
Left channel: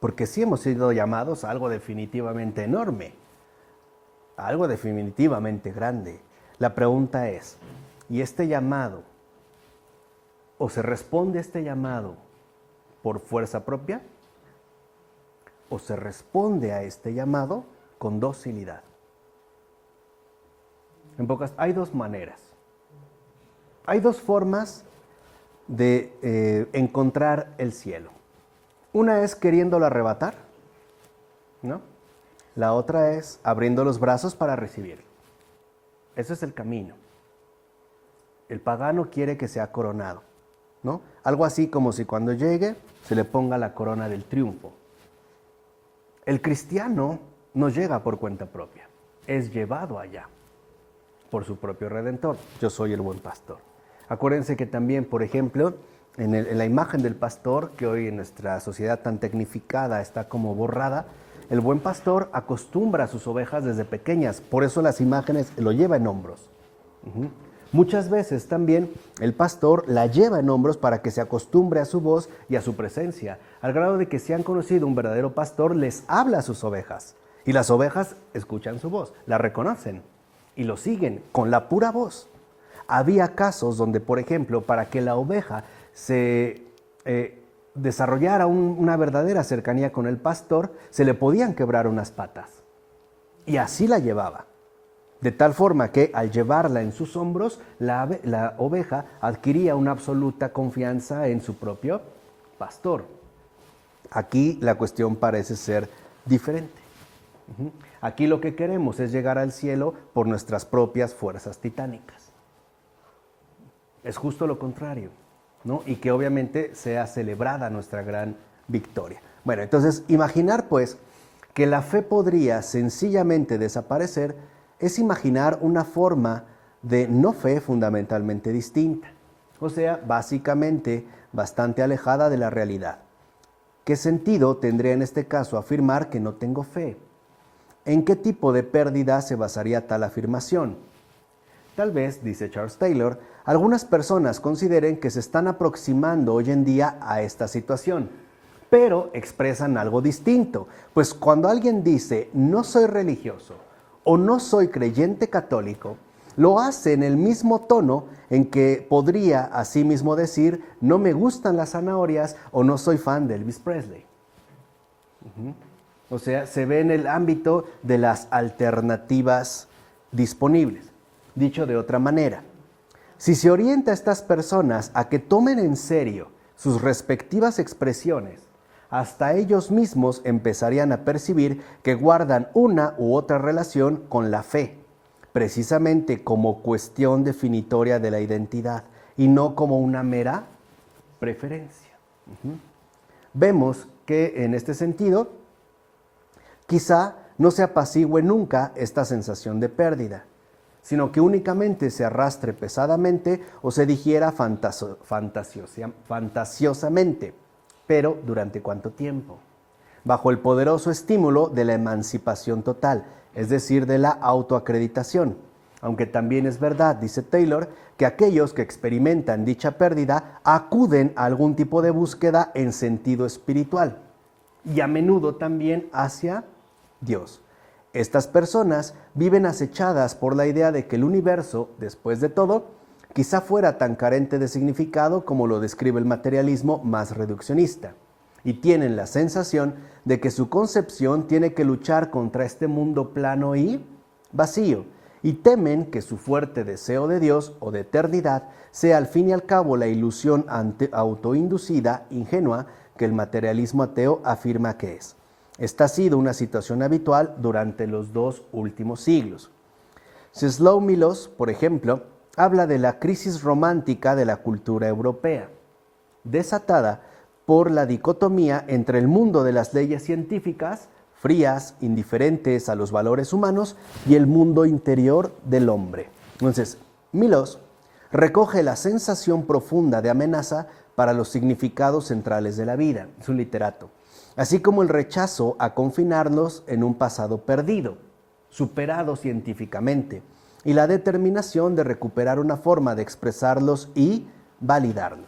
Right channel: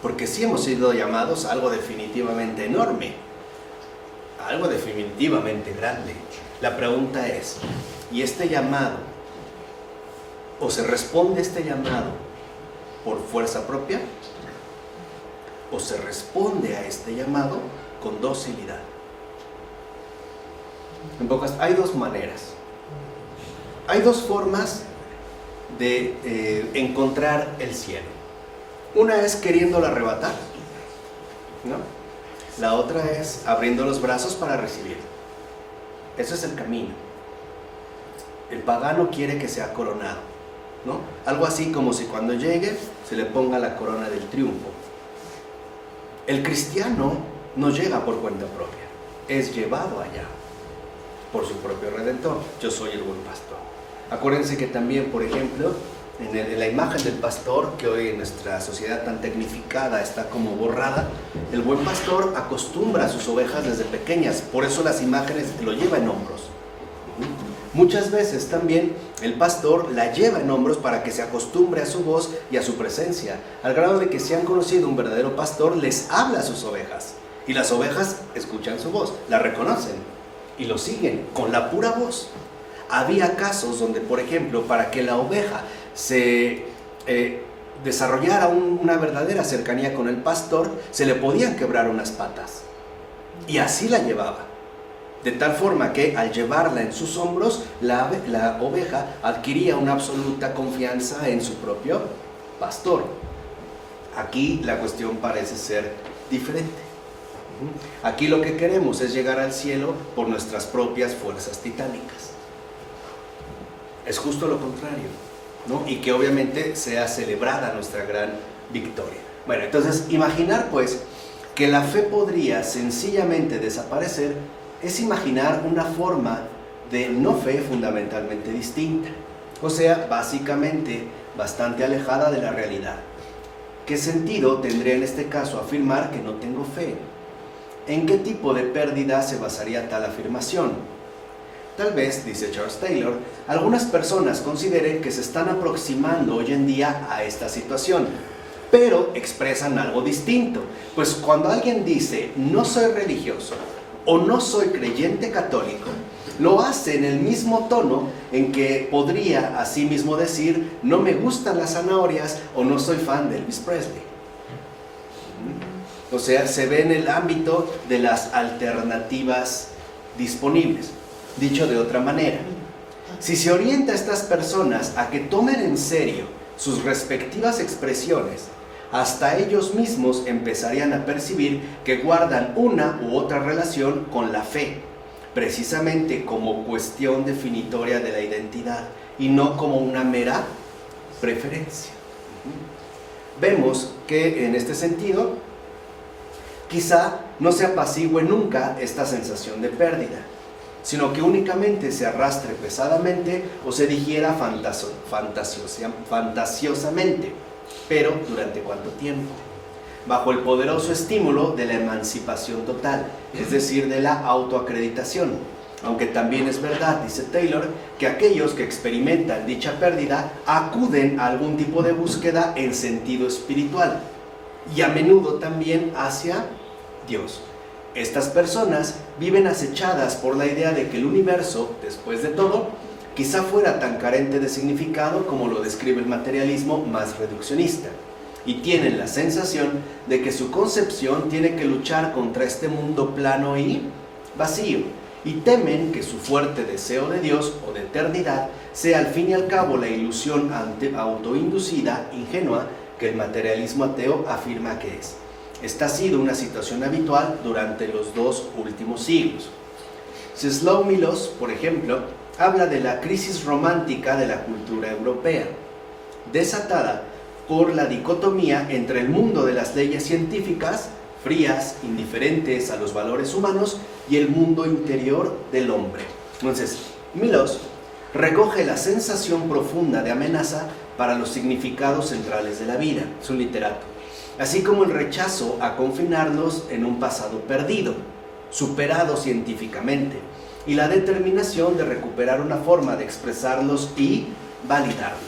Porque sí hemos sido llamados a algo definitivamente enorme, a algo definitivamente grande. La pregunta es, ¿y este llamado, o se responde este llamado por fuerza propia, o se responde a este llamado con docilidad? En pocas, hay dos maneras. Hay dos formas de encontrar el cielo. Una es queriéndolo arrebatar, ¿no? La otra es abriendo los brazos para recibirlo. Ese es el camino. El pagano quiere que sea coronado, ¿no? Algo así como si cuando llegue se le ponga la corona del triunfo. El cristiano no llega por cuenta propia, es llevado allá por su propio Redentor. Yo soy el buen pastor. Acuérdense que también, por ejemplo, en la imagen del pastor, que hoy en nuestra sociedad tan tecnificada está como borrada, el buen pastor acostumbra a sus ovejas desde pequeñas, por eso las imágenes lo lleva en hombros. Muchas veces también el pastor la lleva en hombros para que se acostumbre a su voz y a su presencia, al grado de que si han conocido un verdadero pastor, les habla a sus ovejas, y las ovejas escuchan su voz, la reconocen y lo siguen con la pura voz. Había casos donde, por ejemplo, para que la oveja se desarrollara una verdadera cercanía con el pastor, se le podían quebrar unas patas. Y así la llevaba. De tal forma que al llevarla en sus hombros, la oveja adquiría una absoluta confianza en su propio pastor. Aquí la cuestión parece ser diferente. Aquí lo que queremos es llegar al cielo por nuestras propias fuerzas titánicas. Es justo lo contrario, ¿no? Y que obviamente sea celebrada nuestra gran victoria. Bueno, entonces imaginar pues que la fe podría sencillamente desaparecer es imaginar una forma de no fe fundamentalmente distinta, o sea, básicamente bastante alejada de la realidad. ¿Qué sentido tendría en este caso afirmar que no tengo fe? ¿En qué tipo de pérdida se basaría tal afirmación? Tal vez, dice Charles Taylor, algunas personas consideren que se están aproximando hoy en día a esta situación, pero expresan algo distinto, pues cuando alguien dice no soy religioso o no soy creyente católico, lo hace en el mismo tono en que podría asimismo decir no me gustan las zanahorias o no soy fan de Elvis Presley. O sea, se ve en el ámbito de las alternativas disponibles. Dicho de otra manera, si se orienta a estas personas a que tomen en serio sus respectivas expresiones, hasta ellos mismos empezarían a percibir que guardan una u otra relación con la fe, precisamente como cuestión definitoria de la identidad y no como una mera preferencia. Vemos que en este sentido, quizá no se apacigüe nunca esta sensación de pérdida, sino que únicamente se arrastre pesadamente o se digiera fantasiosamente. Pero ¿durante cuánto tiempo? Bajo el poderoso estímulo de la emancipación total, es decir, de la autoacreditación. Aunque también es verdad, dice Taylor, que aquellos que experimentan dicha pérdida acuden a algún tipo de búsqueda en sentido espiritual y a menudo también hacia Dios. Estas personas viven acechadas por la idea de que el universo, después de todo, quizá fuera tan carente de significado como lo describe el materialismo más reduccionista, y tienen la sensación de que su concepción tiene que luchar contra este mundo plano y vacío, y temen que su fuerte deseo de Dios o de eternidad sea al fin y al cabo la ilusión autoinducida, ingenua, que el materialismo ateo afirma que es. Esta ha sido una situación habitual durante los 2 últimos siglos. Czesław Miłosz, por ejemplo, habla de la crisis romántica de la cultura europea, desatada por la dicotomía entre el mundo de las leyes científicas, frías, indiferentes a los valores humanos, y el mundo interior del hombre. Entonces, Milosz recoge la sensación profunda de amenaza para los significados centrales de la vida, es un literato, así como el rechazo a confinarlos en un pasado perdido, superado científicamente, y la determinación de recuperar una forma de expresarlos y validarlos.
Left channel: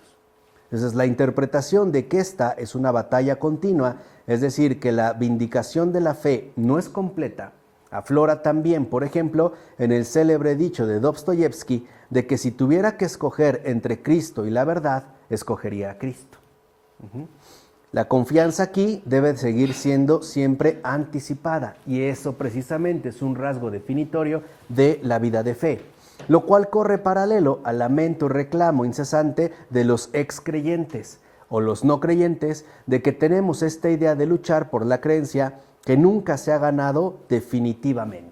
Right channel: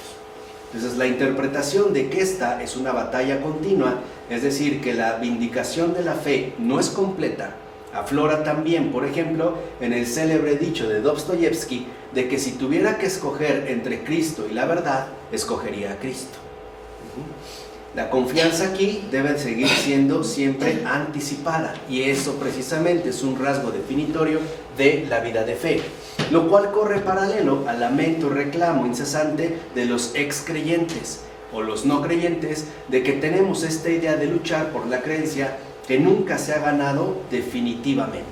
Entonces, la interpretación de que esta es una batalla continua, es decir, que la vindicación de la fe no es completa, aflora también, por ejemplo, en el célebre dicho de Dostoyevsky de que si tuviera que escoger entre Cristo y la verdad, escogería a Cristo. La confianza aquí debe seguir siendo siempre anticipada, y eso precisamente es un rasgo definitorio de la vida de fe, lo cual corre paralelo al lamento y reclamo incesante de los excreyentes o los no creyentes de que tenemos esta idea de luchar por la creencia que nunca se ha ganado definitivamente,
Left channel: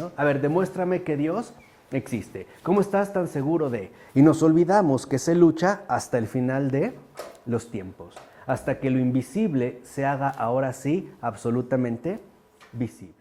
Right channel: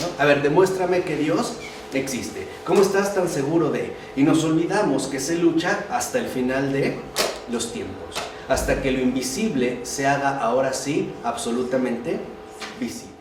¿no? A ver, demuéstrame que Dios existe. ¿Cómo estás tan seguro de? Y nos olvidamos que se lucha hasta el final de los tiempos, hasta que lo invisible se haga ahora sí absolutamente visible.